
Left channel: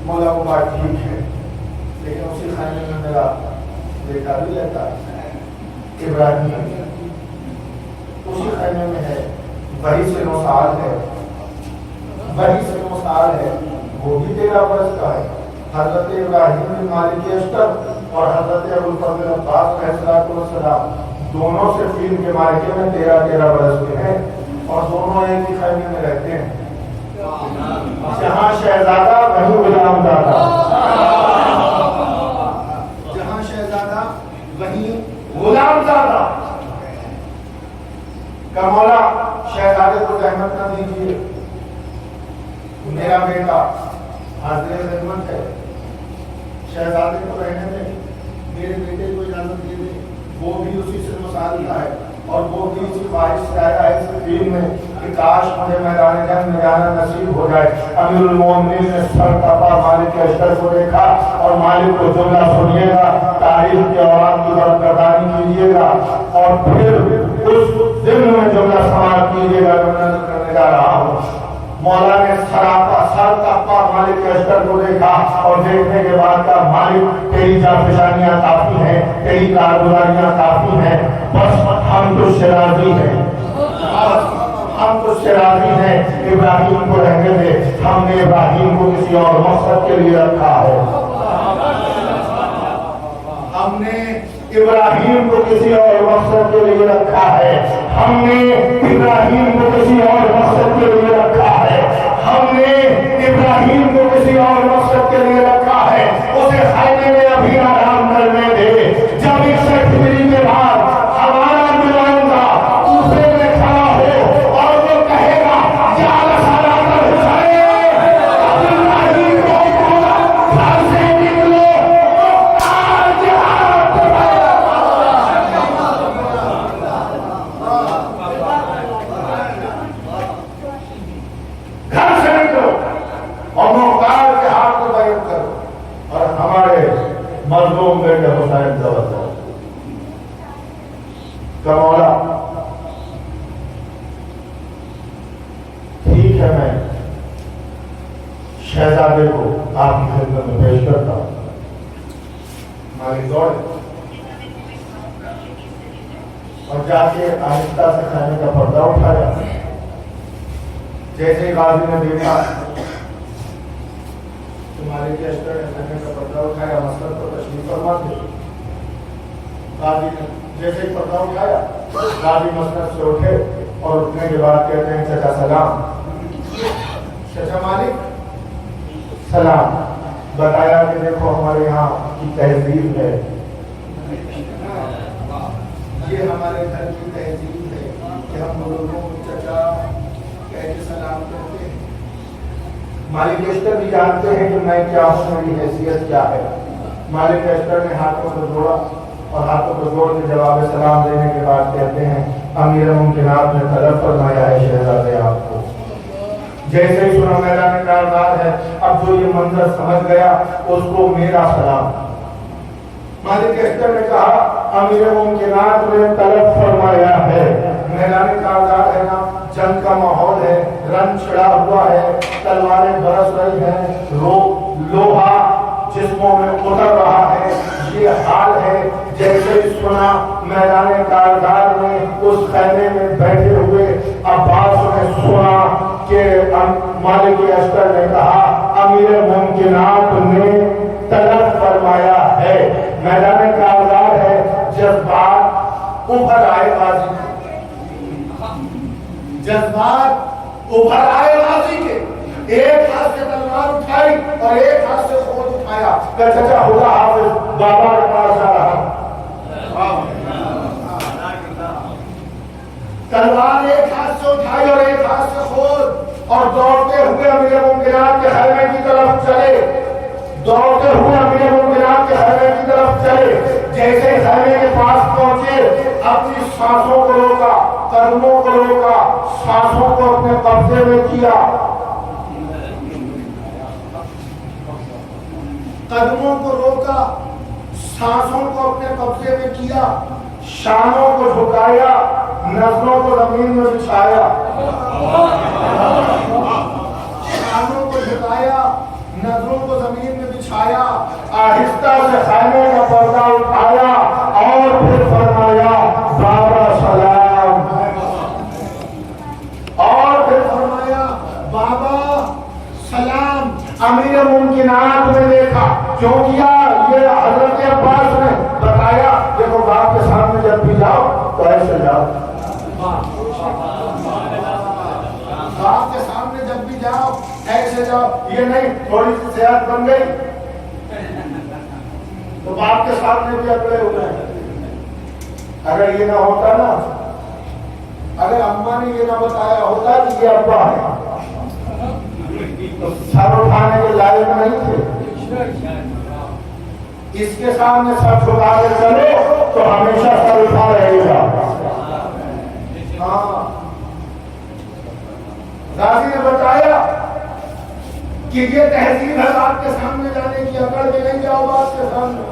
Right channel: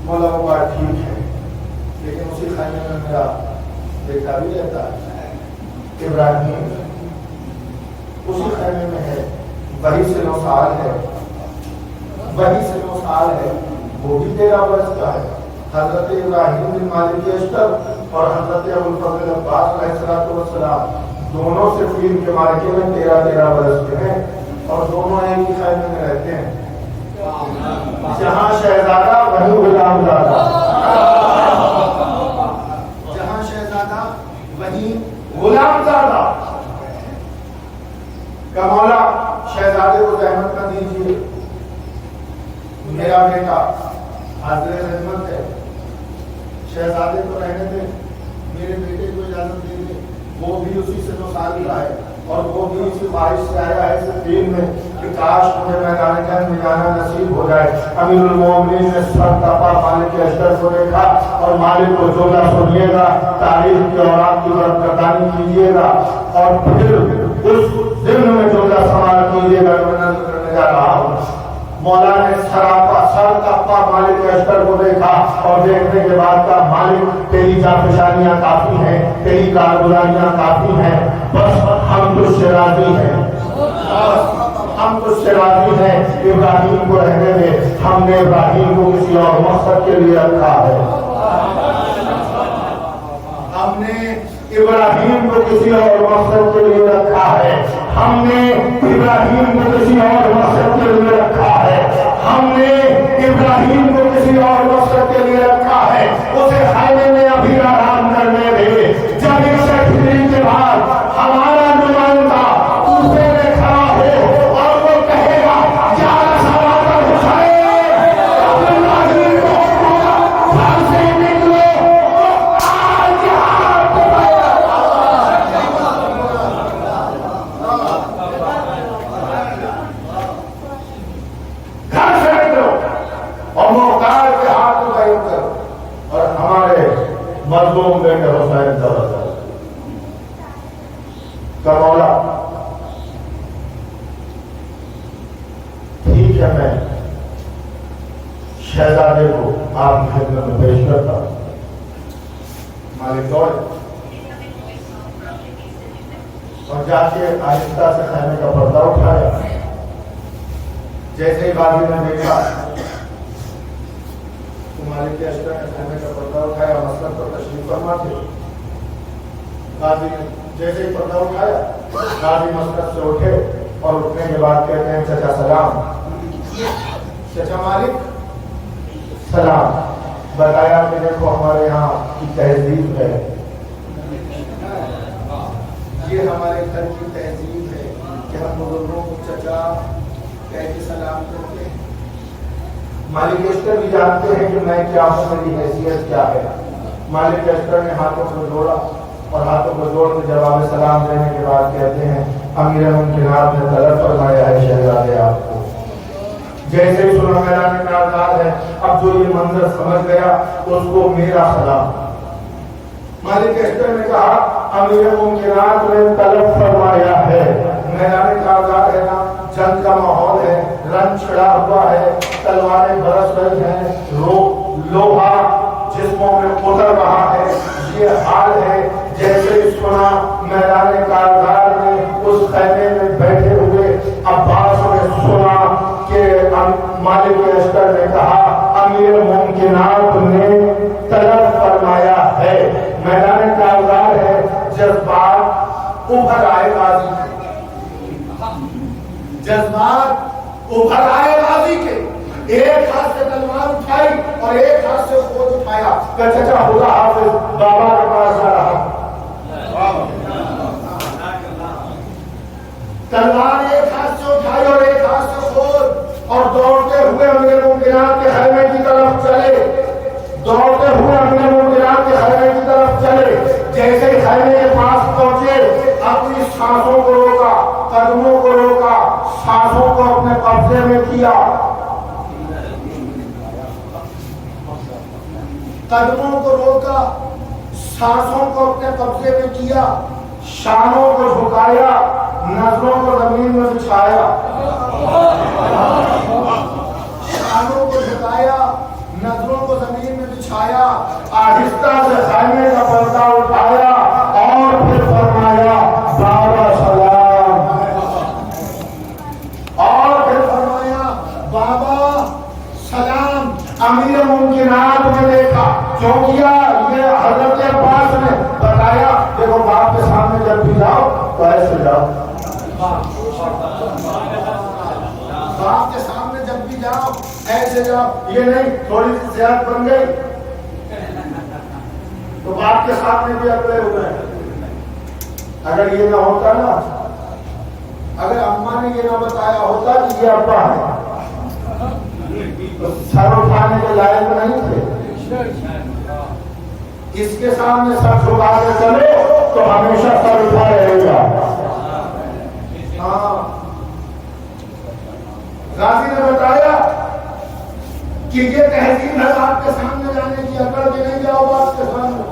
مولا وہ بات ٹھیک ہے، لیکن اسی خانے میں میرا بیٹا بھی رہتا ہے ابراہیم، اسی خانے میں ہے، وہی سے 9 سال ہے، وہی سے 9 سال ہے، وہ بھی 13 برس کا ہے۔ حضرت ابراہیم بن مالک اشتر اور حضرت ابوالفضل عباس علیہ السلام دونوں سے فیل کے مارکے میں 13 برس کے ہیں، اور دونوں ایک ہی خیمے میں رہتے ہیں، جہاں شہزادہ وہیں غلام زادہ، جہاں شہزادہ وہیں غلام زادہ۔ کہ مولا شہزادے کو رحمت نہ دیجیے، میرا بیٹا حاضر خدمت ہے، شہزادے کو رہنے دیں، میرے بیٹے کو اجازت دے دیں، وہ بھی اسی سے مسائل کا ہے، اور وہ بھی اسی خواہش سے آیا ہے اس دین میں کہ کاش مجھے میدان جنگ میں جانا نصیب ہو جائے۔ امیر المومنین نے سر تپا مالک اشتر کو دیکھا، اور مالک کو جملہ سنیے گا، تاریخ کی اوراد کی برکتانی کیجیے گا، اور پھر اس دن میں جملہ سماعت کیجیے گا، میں نظر کرنے جا رہا ہوں۔ مولا نے سر تپا مالک اشتر کو دیکھا، اور دیکھنے کے بعد کہا مالک تیری جافشانیاں کافی ہیں، تیری کارگزاریاں کافی ہیں، بس ہم تجھ سے راضی ہیں، ہم تجھ سے راضی ہیں، ابراہیم کو رہنے دے، ہم نے ابراہیم کو کسی اور مقصد کے لیے رکھا ہے، ہم نے ابراہیم کو کسی اور مقصد کے لیے رکھا ہے، ہم نے ابراہیم کو کسی اور مقصد کے لیے رکھا ہے، ہم نے ابراہیم کو کسی اور مقصد کے لیے رکھا ہے، اسے خیمے میں ابھی آرام کرنے دے، جب اس سے پھرنے کے بعد ہمارا نمائندہ اسے میں کھڑا ہو اور وہ کہے گا یا رسالہ کا حسین ابراہیم کو گھر سے نکلو، گھر سے نکلو اور مختار کے ہاتھ کو قائم کرو، اور ہمارے مظلوم بیٹے حسین ضرور کہ مولا ٹھیک ہے، میں شہزادے کو آپ کی خدمت میں پیش کرتا ہوں۔ مالک دوڑے اور جا کے آہستہ سے خیمے کا پردہ اٹھایا، جیسے غازی نے دیکھا مالک اشتر نے خیمے کا پردہ اٹھایا، مسلک پر تشریف فرما تھے، غازی نے جیسے ہی پردہ اٹھایا، غازی مسلک سے اٹھے اور اٹھنے کے بعد کہتے ہیں چچا سلام، چچا مالک سلام، بتایا کہ دیکھو ہمارے یہاں کی تہذیب ہے، یہ ہمارے گھر کی تہذیب ہے کہ ہم بزرگوں کو چچا کہہ کے سلام کرتے ہیں۔ مالک اشتر بھی جانتے ہیں کہ میں کیا ہوں، میری حیثیت کیا ہے۔ مالک اشتر نے ہاتھوں کو جوڑا، اور ہاتھوں کو جوڑ کے جواب سلام دینے کے بعد کہتے ہیں امیر ممکنات نے طلب فرمایا ہے شہزادے آپ کو۔ جیسے ہی سنا میدان کارزار ہے، اب جو یہ منظر سمجھ گیا اس کو میرا سلام۔ مالک اشتر نے کہا امیر ممکنات نے طلب فرمایا ہے، میدان کارزار ہے نا، جنگ کا ماحول ہے، رنگ چھڑا ہوا ہے، تلواریں برس رہی ہیں، لوہا جسموں میں اتر رہا ہے، یہ حال ہے جیسے سنا میدان کارزار میں اس خیمے میں بیٹھے ہوئے عباس نے سنا کہ مالک اشتر نے کہا امیر ممکنات نے طلب فرمایا ہے۔ میدان کارزار ہے، جذبات ابھر آئے غازی کے، جذبات ابھر آئے غازی کے، ایک ہاتھ سے تلوار اٹھائی اور ایک ہاتھ سے خود اٹھایا کہ چچا خدا حافظ، بابا کے پاس جا رہا ہوں۔ تلوار ایک ہاتھ سے اٹھائی اور ایک ہاتھ سے خود، اور دوڑتے ہوئے امیر المؤمنین کے خیمے کی طرف چلے، دوڑتے ہوئے امیر المؤمنین کے خیمے کی طرف چلے۔ جیسے خیمے کے پاس پہنچے اپنی سانسوں کو روکا، قدموں کو روکا، سانسوں کو اپنے قبضے میں کیا، قدموں کو روکا، سانسوں کو اپنے قبضے میں کیا، شانوں کو جھکایا، نظروں کو زمین میں بچھایا، شانوں کو جھکایا، نظروں کو زمین میں بچھایا، آہستہ سے خیمے کا پردہ اٹھایا اور پھر فرمایا بابا سلام، اور پھر فرمایا بابا سلام۔ امیر المؤمنین نے دیکھا، کیوں کیا؟ یہ حضرت عباس نے بتایا، دیکھو باپ کے سامنے جب بھی جاؤ تو ایسے جاؤ، باپ کے سامنے جب بھی جاؤ ایسے جاؤ، یہ نہیں تھوڑی سی صحت بن گئی تو باپ کے سامنے بھی اگلے ہو گئے۔ اگر یہ نہ ہوتا نا، اگر اماں نے یہ نہ بتایا ہوتا کہ یہ ابا ہے تو سر اٹھانے کے لائق نہیں تھے۔ اس کے سامنے سر جھکا کے چلو تو ہمیشہ سر اٹھا رہے گا۔ ہاں، غازی نے بتایا کہ یہ تہذیب ہے باپ کے سامنے جانے کی، اکڑ کے نہیں جاؤ باپ کے سامنے،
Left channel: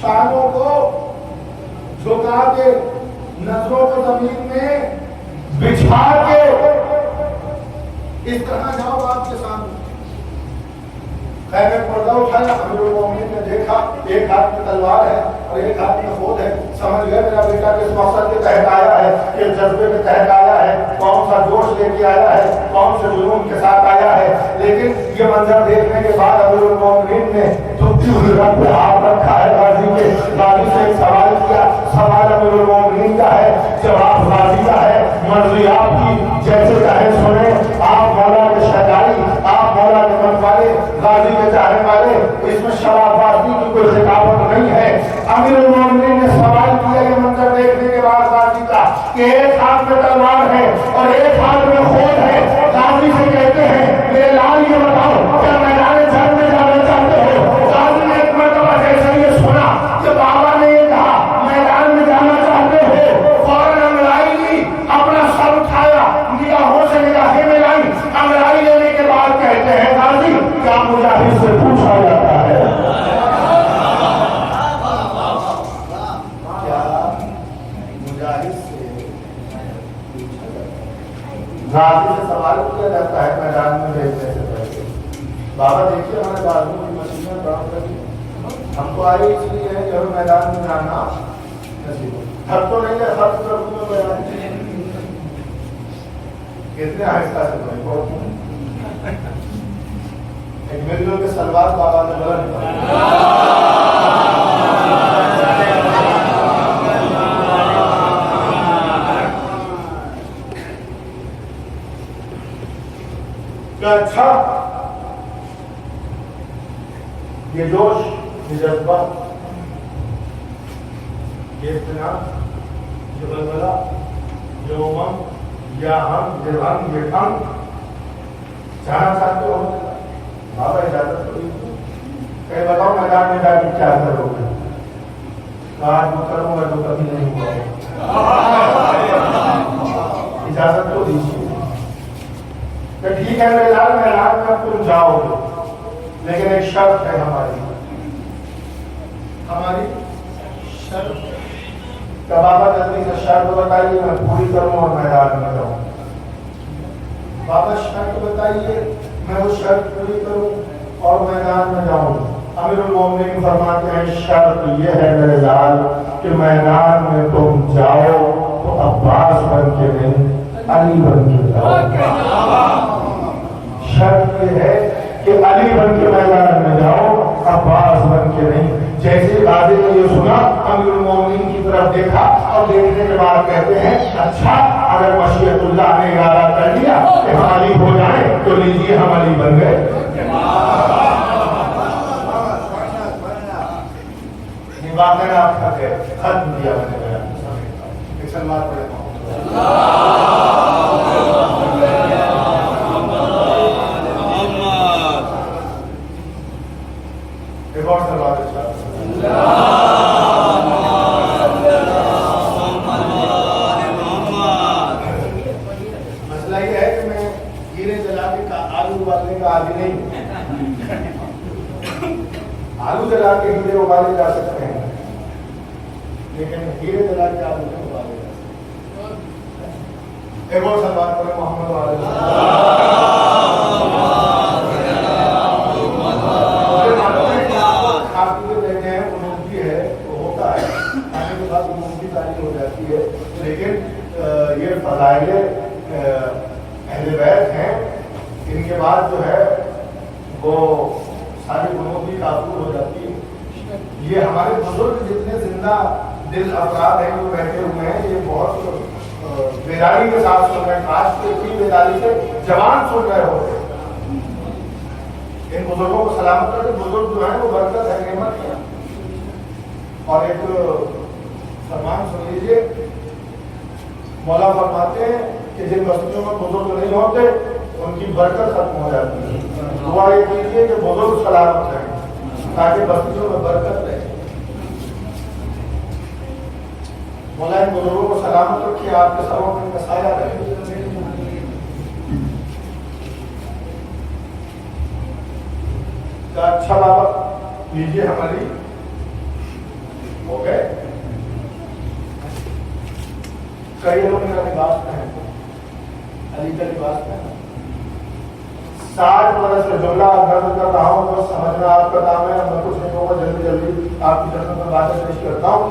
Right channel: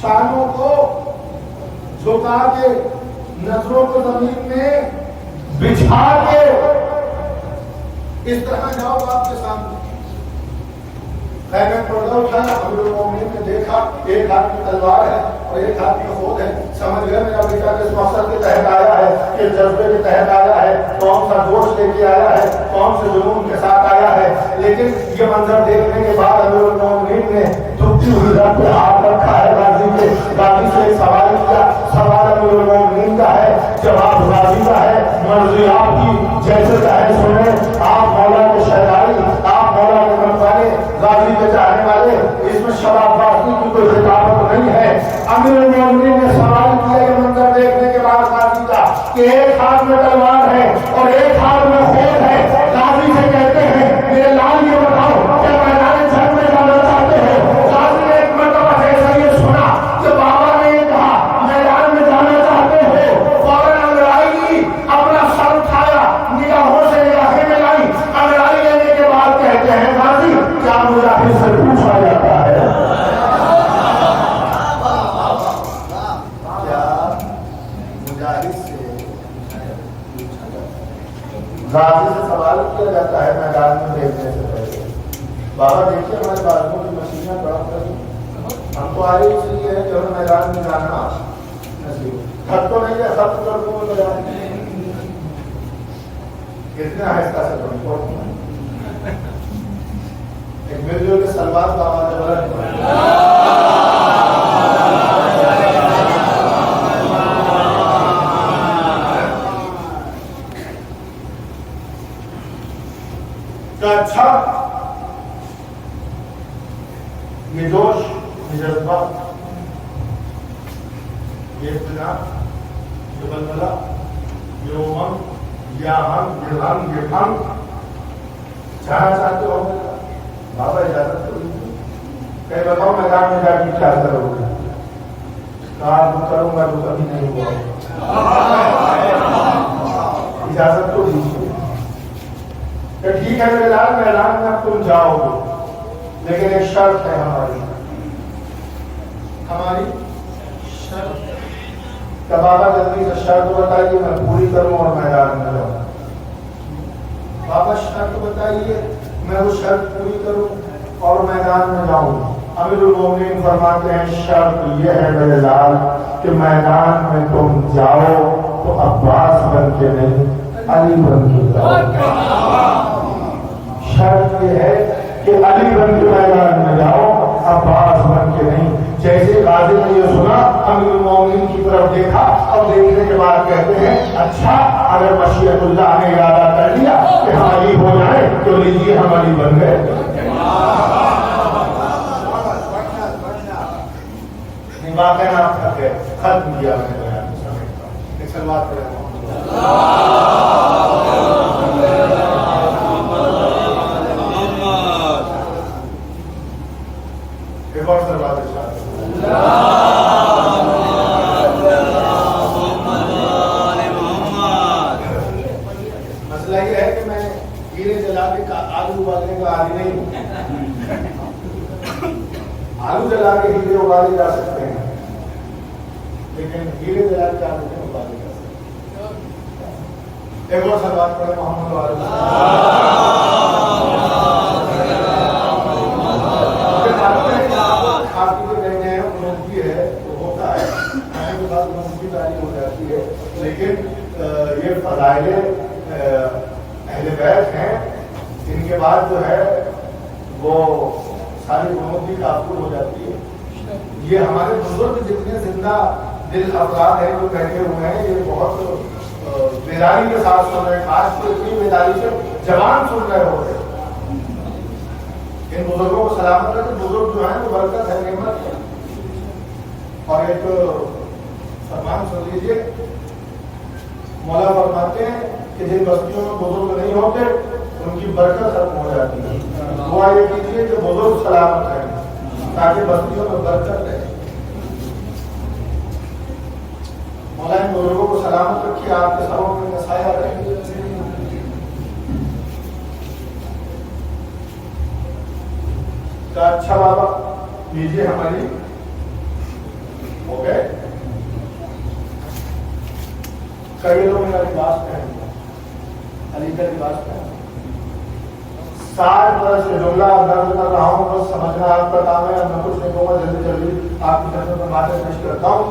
شانوں کو جھکا کے، نظروں کو زمین میں بچھا کے اس طرح جاؤ باپ کے سامنے۔ خیمے پردہ اٹھایا، امیر المؤمنین نے دیکھا ایک ہاتھ میں تلوار ہے اور ایک ہاتھ میں خود ہے، سمجھ گیا میرا بیٹا کس مقصد کے تحت آیا ہے، کس جذبے کے تحت آیا ہے، کون سا جوش لے کے آیا ہے، کون سے جنون کے ساتھ آیا ہے۔ لیکن یہ منظر دیکھنے کے بعد امیر المؤمنین نے دھوپتی ہوئی رب پہ ہاتھ رکھا ہے غازی کے، غازی سے ایک سوال کیا، سوال امیر المؤمنین کا ہے، جواب غازی کا ہے، مرضی آپ کی، جیسے چاہے سنیں، آپ مولا کے شہدائی، آپ مولا کے منفالے، غازی کے چاہنے والے، اس میں شباب بازی کی کوئی خطابت نہیں ہے۔ امیر المؤمنین نے سوال کیا یہ منظر دیکھنے کے بعد غازی کا کہ ایک ہاتھ میں تلوار ہے اور ایک ہاتھ میں خود ہے، غازی سے کہتے ہیں میرے لال یہ بتاؤ کیا میدان جنگ میں جانا چاہتے ہو؟ غازی نے ایک مرتبہ جیسے یہ سنا کہ بابا نے یہ کہا میدان میں جانا چاہتے ہو، فوراً انگڑائی لی، اپنا سر اٹھایا، نگاہوں سے نگاہیں ملائی، انگڑائی لینے کے بعد کہتے ہیں غازی کیا مجاہد سے پوچھا جاتا ہے؟ غازی سے سوال کیا جاتا ہے میدان میں بھیجنے سے پہلے، بابا دیکھیے ہمارے بازو کی مشینیں برف رہی، ہم تو آئے اس لیے ہے کہ میدان میں جانا نصیب، تھک تو نہیں ہے، سب طرف میں تو کتنے آہستہ سے بڑھیں ایک مل جل کے سلوات بابا نے بولا اچھا، یہ جوش، یہ جذبہ، یہ اطمینان، یہ بلبلہ، یہ امنگ، یہ ہم، یہ غم، یہ غم، جانا چاہتے ہو بابا اجازت تو کہیں بتاؤ میدان میں جا کے کیا کرو گے؟ کہا میں کروں گا جو کبھی نہیں ہوا، اجازت تو دیجیے کہ ٹھیک ہے میرے لال میدان میں تم جاؤ گے، لیکن ایک شرط ہے ہماری شرط، کہ بابا جلدی سے شرط بتائیے میں پوری کروں اور میدان میں جاؤں۔ بابا شرط بتائیے میں وہ شرط پوری کروں اور میدان میں جاؤں۔ امیر المؤمنین فرماتے ہیں شرط یہ ہے میرے لال کہ میدان میں تم جاؤ تو عباس بن کے نہیں، علی بن کے جاؤ۔ شرط یہ ہے کہ علی بن کے میدان میں جاؤ، عباس بن کے نہیں۔ جیسے غازی نے یہ سنا، امیر المؤمنین کی طرف دیکھا اور دیکھنے کے بعد کہتے ہیں اچھا اگر مشیت اللہ نے ارادہ کر لیا کہ ہم علی ہو جائیں تو لیجیے ہم علی بن گئے۔ واقعی آپ کا ختم کیا میں نے ایک سلوات کرے نے کہا آج نہیں، آلو جلا کے ہیرے اگالے جا سکتے ہیں لیکن ہیرے جلا کے آلو نہیں اگالے جا سکتے۔ ایک اور سوال کریں محمد والے آپ کی جو کہتے ہیں انوکھی ہے تو ہوتا ہے آنے کے بعد انوکھی تعریف ہو جاتی ہے، لیکن یہ فضائل اہل بیت ہیں، ان کے بعد جو ہے وہ ساری انوکھی تعبیر ہو جاتی ہے۔ یہ ہمارے بزرگ جتنے زندہ دل افراد ہیں جو بیٹھے ہوئے ہیں یہ بہت بیداری کے ساتھ سن رہے ہیں، خاص طور کی بیداری سے جوان سن رہے ہوتے ہیں۔ ان بزرگوں کو سلامت رکھے، بزرگ جو ہیں وہ برکت ہے، نعمت ہے۔ اور ایک فرمان سن لیجیے، مولا فرماتے ہیں کہ جن بستیوں میں بزرگ نہیں ہوتے ان کی برکت ختم ہو جاتی ہے، دعا یہ کیجیے کہ بزرگ سلامت رہیں تاکہ بستیوں میں برکت رہے۔ مولا ان بزرگوں کو سلامت رکھیے، آپ کے سروں پہ ان کا سایہ رہے۔ اچھا بابا لیجیے ہماری ہو گئے، کئی لوگ میرا لباس پہنتے ہیں، علی کا لباس پہنتے ہیں۔ 60 برس سے جملہ درد کر رہا ہوں، بس سمجھنا آپ کا کام ہے، میں کچھ نہیں کہوں گا، جلدی جلدی آپ کی جنتوں میں باتیں پیش کرتا ہوں۔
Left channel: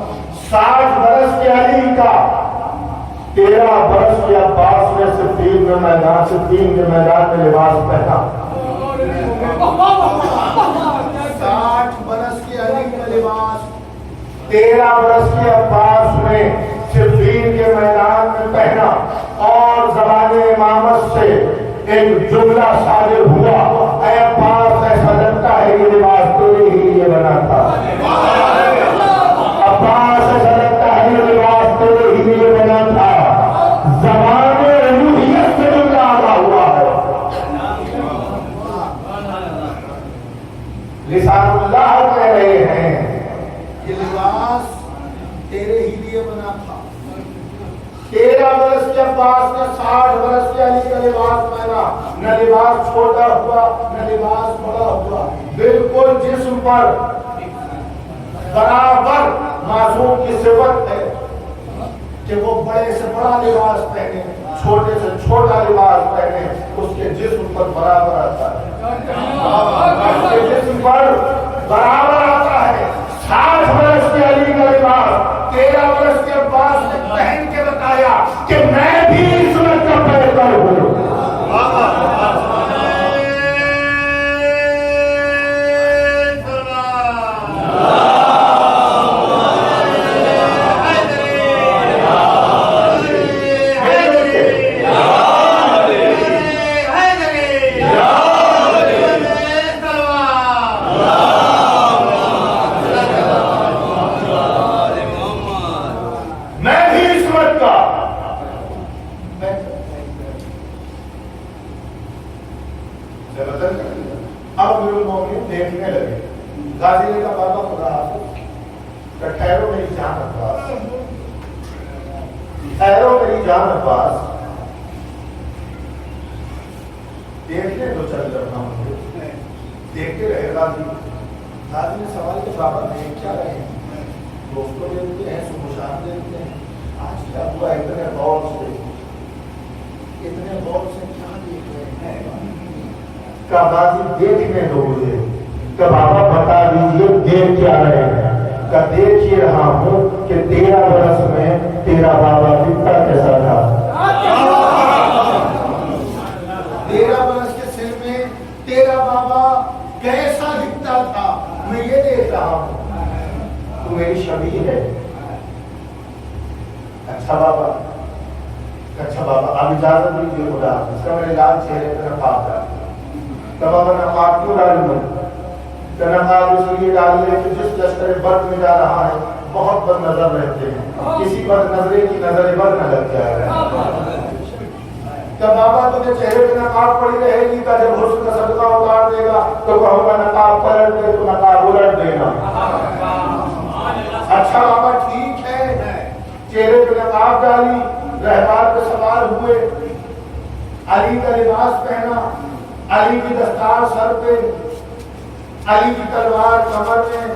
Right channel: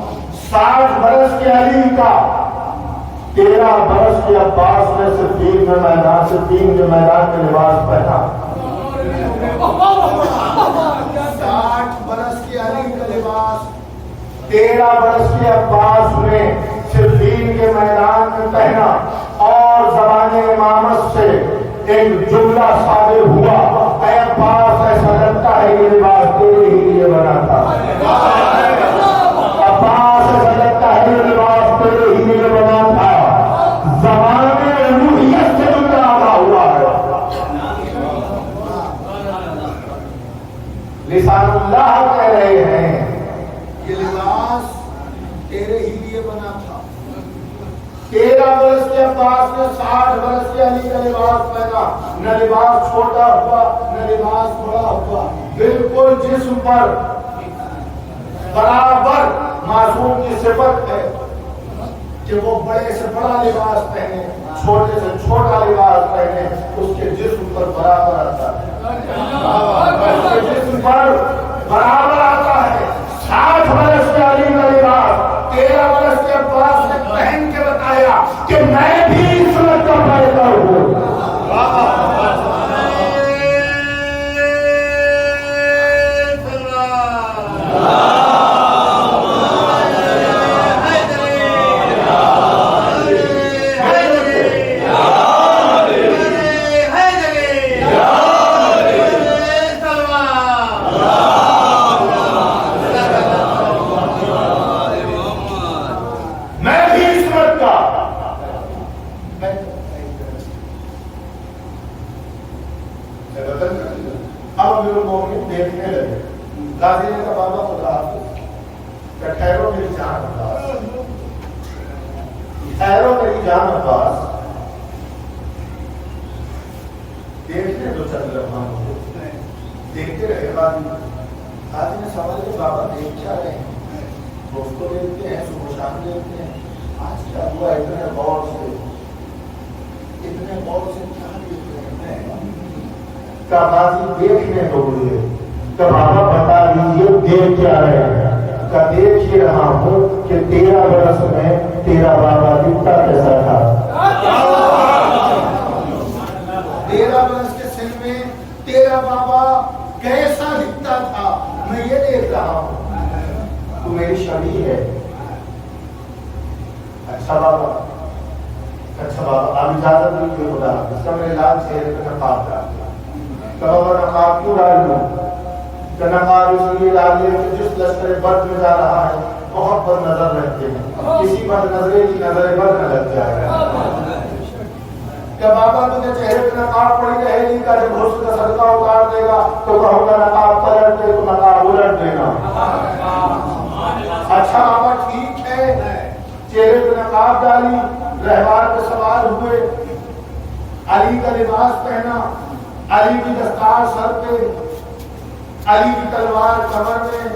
60 برس کے علی کا 13 برس کے عباس میں سے 3 کے میدان میں لباس پہنا۔ 60 برس کے علی کا لباس 13 برس کے عباس میں صفین کے میدان میں پہنا، اور زبان امامت سے ایک جملہ صادر ہوا، اے عباس ایسا لگتا ہے یہ لباس تیرے ہی لیے بنا تھا۔ عباس ایسا لگتا ہے یہ لباس تیرے ہی لیے بنا تھا۔ زبان الوہیت سے جملہ آنا ہوا ہے، لسان اللہ کہہ رہے ہیں یہ لباس تیرے ہی لیے بنا تھا۔ 13 برس کے عباس نے 60 برس کے علی کا لباس پہنا، نہ لباس چھوٹا ہوا نہ لباس بڑا ہوا، بالکل جسم پر برابر معصوم کی صفت ہے کہ وہ بڑے سے بڑا لباس پہنے، چھوٹے سے چھوٹا لباس پہنے، اس کے جسم پر برابر آتا ہے، اس کے جسم پر برابر آتا ہے۔ 60 برس کے علی کا لباس 13 برس کے عباس نے پہن کے بتایا کہ میں بھی عصمت کا پیکر ہوں۔ اب میرے مومن دیکھنے لگے، غازی نے کہا بابا خدا حافظ، کہ ٹھہرو میری جان عباس، ٹھہرو میری جان عباس، دیکھنے دو چل رہا مجھے۔ دیکھتے رہے غازی نے سوال کیا بابا دیکھ کیا رہے ہیں؟ دوست کو دیکھتے ہیں، صبح شام دیکھتے ہیں، آج کیا ہوا اتنے غور سے کیا دیکھ رہے ہیں؟ کا غازی دیکھنے دو مجھے، کہ بابا بتا دیجیے دیکھ کیا رہے ہیں؟ کا دیکھ ہی رہا ہوں کہ 13 برس میں تیرا بابا دکھتا کیسا تھا۔ 13 برس کے سن میں تیرا بابا کیسا دکھتا تھا، میں یہ دیکھ رہا ہوں، تو میری شبیہ ہے۔ اچھا بابا آپ اجازت دیجیے خدا، اس کا میں علاج چہرے پہ نقاب ڈال دیا۔ کب میں نقاب کیوں ڈال دوں؟ کہ نقاب اس لیے ڈال دیا کہ جس لشکر بد میں جا رہا ہے بہت بد نظر رہتے ہیں، کسی بد نظرے کی نظر بد نہ لگ جائے۔ کہ بابا تجھے چہرے پہ نقاب پڑی رہے گی، کا جب حسن کا صدقہ اتار دے گا تو کہوں گا نقاب پلٹ دے تو نقاب الٹ دینا۔ اچھا بابا ٹھیک ہے، چہرے پہ نقاب ڈالی، رہبار پہ سوار ہوئے، علی کا لباس پہنا، علی کی دستار سر پہ، علی کی تلوار کمر میں،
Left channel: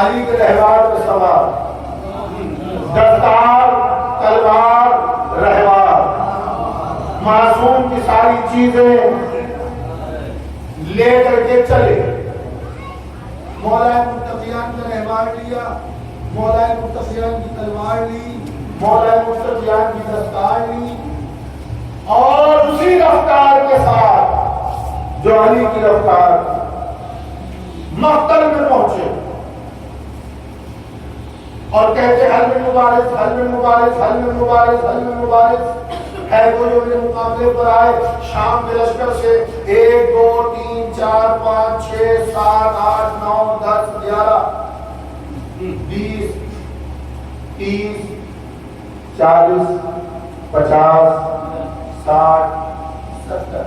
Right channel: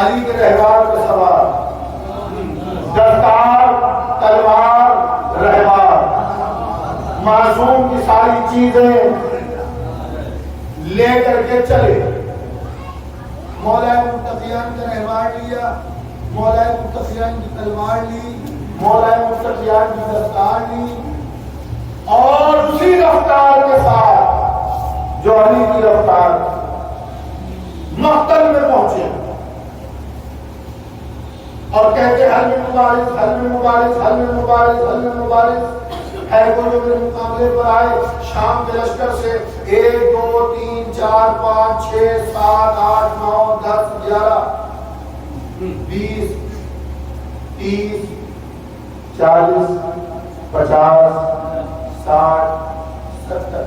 علی کے رہوار پہ سوار، دستار تلوار رہوار، معصوم کی ساری چیزیں لے کر کے چلے۔ مولا متقیان کا رہوار لیا، مولا متقیان کی تلوار لی، مولا متقیان کی دستار لی، اور اسی رفتار کے ساتھ جو علی کی رفتار مقتل میں پہنچے اور کہتے حل میں مبارز، حل میں مبارز، حل میں مبارز، حل میں مبارز، ہے کوئی جو میرے مقابلے پر آئے شام کے لشکر سے 1 2 3 4 5 6 7 8 9 10 11 20 30 40 50 60 70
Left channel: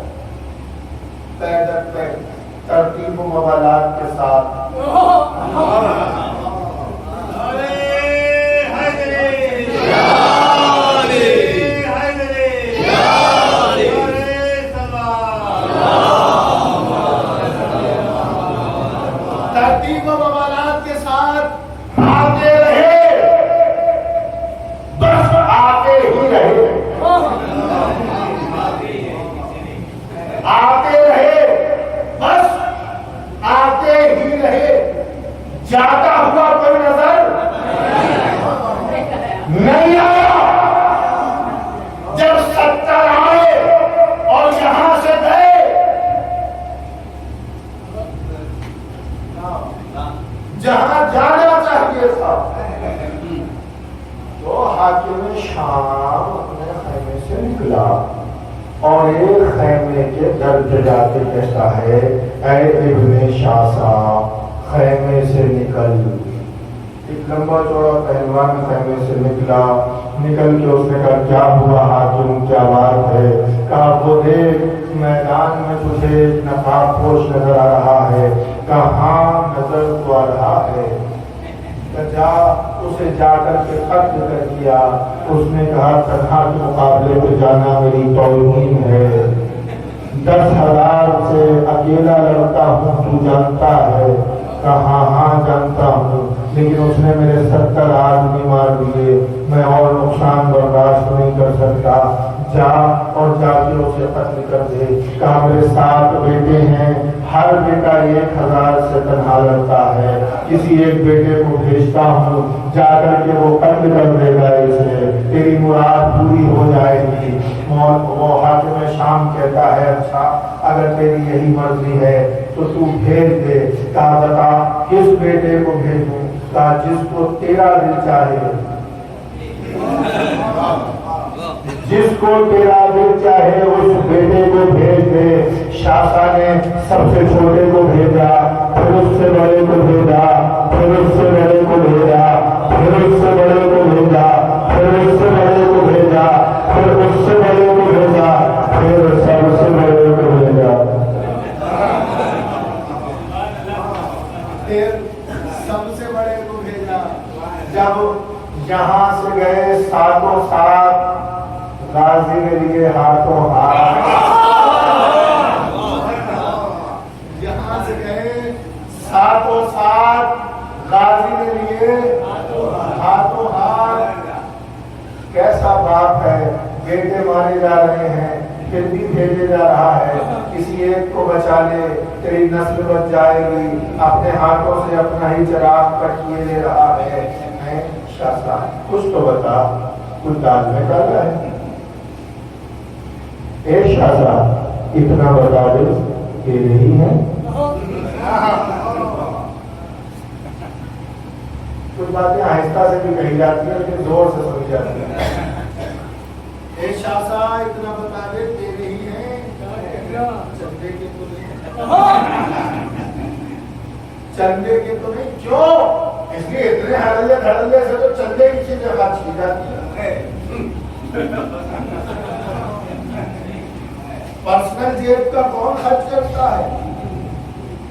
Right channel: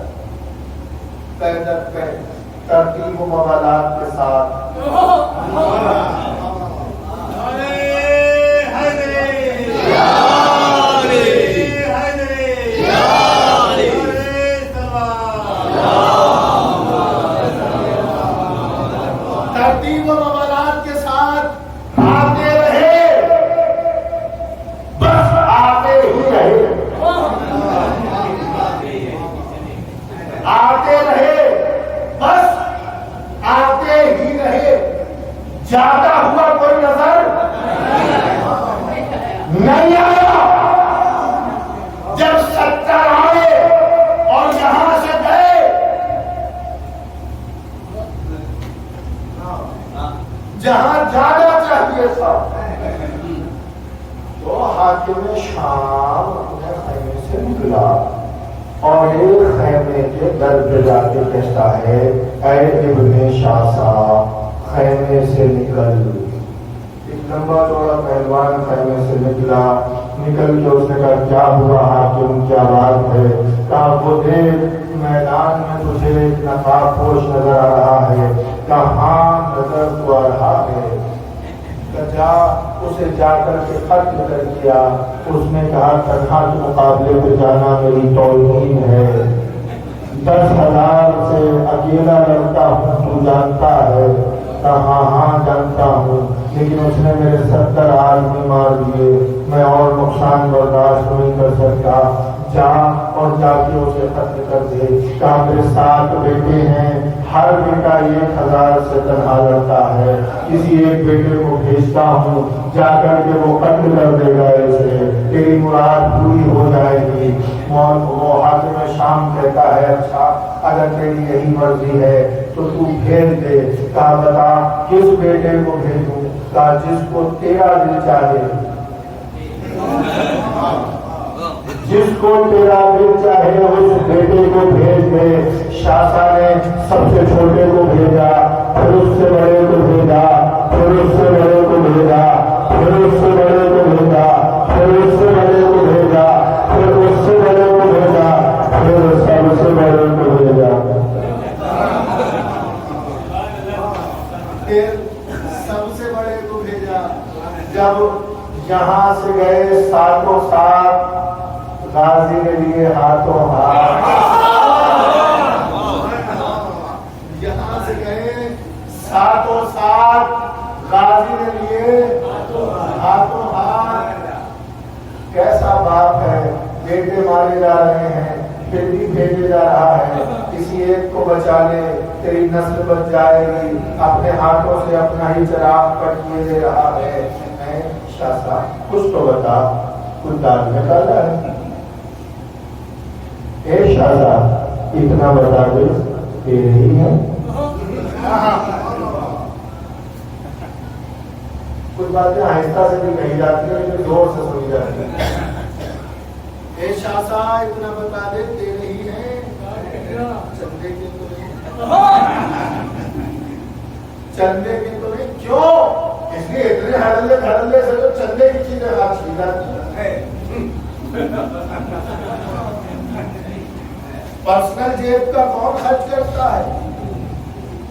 پیدل پیدل ترتیب و موالات کے ساتھ ترتیب و موالات کے ساتھ آتے رہے، بس آتے ہی رہے، آتے رہے، بس آتے ہی رہے، جاتا ہوا کوئی نظر نہیں آیا۔ جب 70 آئے اور یہاں سے گئے، جہاں جانا چاہیے تھا، تو حاکم شام اپنے خیمے سے نکلا اور ایک خیمے کے در پہ جا کے کہتا ہے اے ابن شاسا خیمے سے نکل۔ ایک لمبا چوڑا پہلوان خیمے سے نکلا، نکل کے اس نے کہا کیا ہوا حاکم، کیا بات ہے؟ کہا وہ دیکھ میدان میں تجھے نقاب پوش نظر آ رہا ہے۔ کہاں نظر تو آ رہا ہے؟ جا اسے جا کر کے خط ذکر کیا، اس نے کہا تنہا کے مقابلے پہ جانا میری توہین ہے، 10,000 سے اکیلا لڑتا ہوں، تو جانتا ہے؟ کہا ہاں جانتا ہوں، لیکن اس نے میرے 70 آدمی مار دیے، میں اور نقصان برداشت نہیں کر سکتا، جا اور جا کے اسے قتل کر دے۔ کہا میرے 7 بیٹے ہیں، ہر بیٹا 1,000 سے تنہا لڑتا ہے، کسی ایک بیٹے کو بھیجتا ہوں، جا کر کے وہ قتل کر دے گا اسے، تیری مراد پوری ہو جائے گی۔ وہ حاکم شام کہتا ہے اچھا اگر تیری یہی مرضی ہے تو تو بھیج دے۔ کہا بتا کس بیٹے کو بھیجوں؟ کہا جس کو تیرا دل چاہے، جس کو تیرا دل چاہے اس بیٹے کو بھیج دے۔ شاسا نے سب سے چھوٹے کو بھیجا، پھر اس سے بڑے کو بھیجا، پھر اس سے بڑے کو بھیجا، پھر اس سے بڑے کو بھیجا، پھر اس سے بڑے کو بھیجا، پھر اس سے بڑے کو بھیجا، پھر سب سے بڑے کو بھیجا، پھر سب سے بڑے کو بھیجا۔ جب یہاں سے گئے ساتوں ساتھ غازی کے لیے ہاتھوں ہاتھ، یہاں سے گئے ساتوں ساتھ غازی کے لیے ہاتھوں ہاتھ۔ کیسا باپ ہے، بیٹے مارے جا رہے ہیں پھر بھی بھیجے جا رہا ہے، کسی ایک کو بچا لے تیری نسل بچ جائے گی، اپنے ہاتھوں سے اپنا ہی چراغ کٹیے دے رہا ہے۔ شاہ صاحب کچھ تو بتا، کچھ داد میں ڈالا ہے؟ اے شاہ صاحب اتنا بتا دے تیرے ہی ہے؟ کچھ باتیں آہستہ سے بھی کہی جاتی ہیں لیکن زور سے سنی جاتی ہیں۔ اے شاہ صاحب اتنا بتا دے تیرے ہی ہیں؟ چندے کے تو نہیں، چندے کے تو نہیں، کیوں؟ اس لیے اتنے ہڑلے دھڑلے سے تو چندے کی چیزیں خرچ کی جاتی ہیں۔ پرسنل جیب کا کون خرچ کرتا ہے؟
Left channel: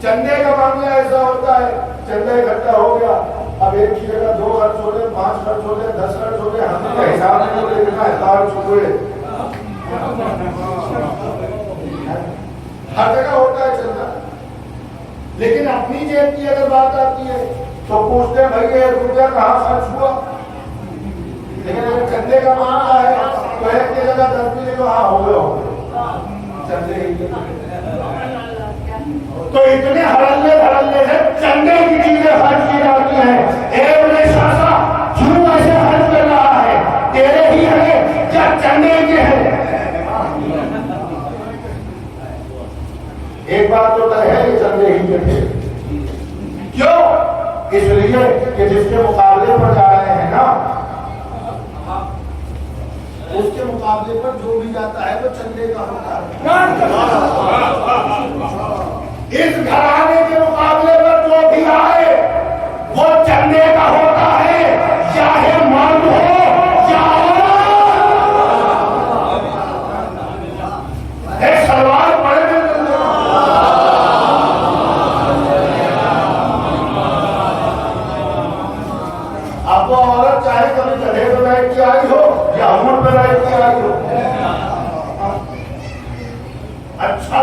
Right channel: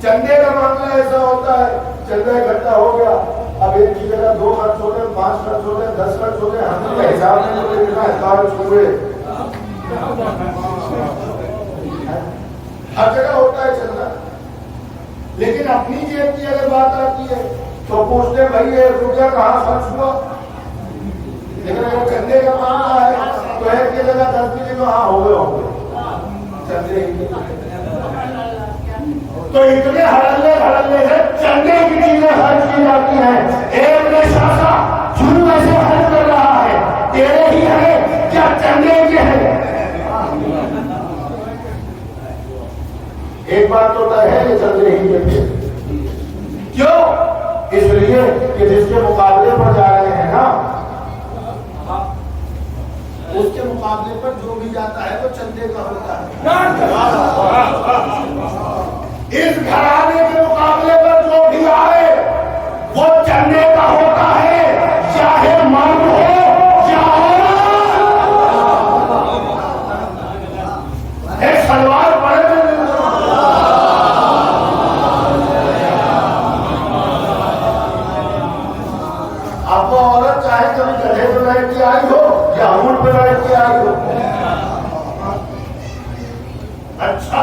چندے کا معاملہ ایسا ہوتا ہے، چندہ اکٹھا ہو گیا، اب ایک کی جگہ 2 خرچ ہو گئے، 5 خرچ ہو گئے، 10 خرچ ہو گئے، ہم نے حساب میں تو دیکھنا حساب چھوڑے ہر جگہ ہوتا ہے چندہ، لیکن اپنی جیب کی اگر بات آتی ہے تو پوچھتے ہیں بھائی 1 روپیہ کہاں خرچ ہوا، لیکن جب چندے کا معاملہ ہے تو 1 کی جگہ 10 بھی تو ہاں ہوئے ہوں گے چندے ہی، تو اتنے ہرلے سے چندے کی چیزیں خرچ کی جاتی ہیں۔ ایک نے شاسا کیوں ایسے خرچ کر رہا ہے، تیرے ہی ہے کیا چندے کے ہے؟ ایک بات تو طے ہے یہ چندے ہی کے تھے، کیوں؟ اس لیے کہ جس کے مقابلے پر جا رہے ہیں نا اس کے مقابلے پر جو بھی جاتا ہے وہ چندے کا ہوتا ہے۔ اس گھرانے کے مقابلے پر جو بھی آئے وہ چندے کا ہوتا ہے، چاہے مرد ہو یا ایک سلوار پڑے اب وہ عورت چاہے کبھی جگہ پہ بیٹھ کے آئی ہو یا عمر پہ بیٹھ کے آئی ہو۔ اچھا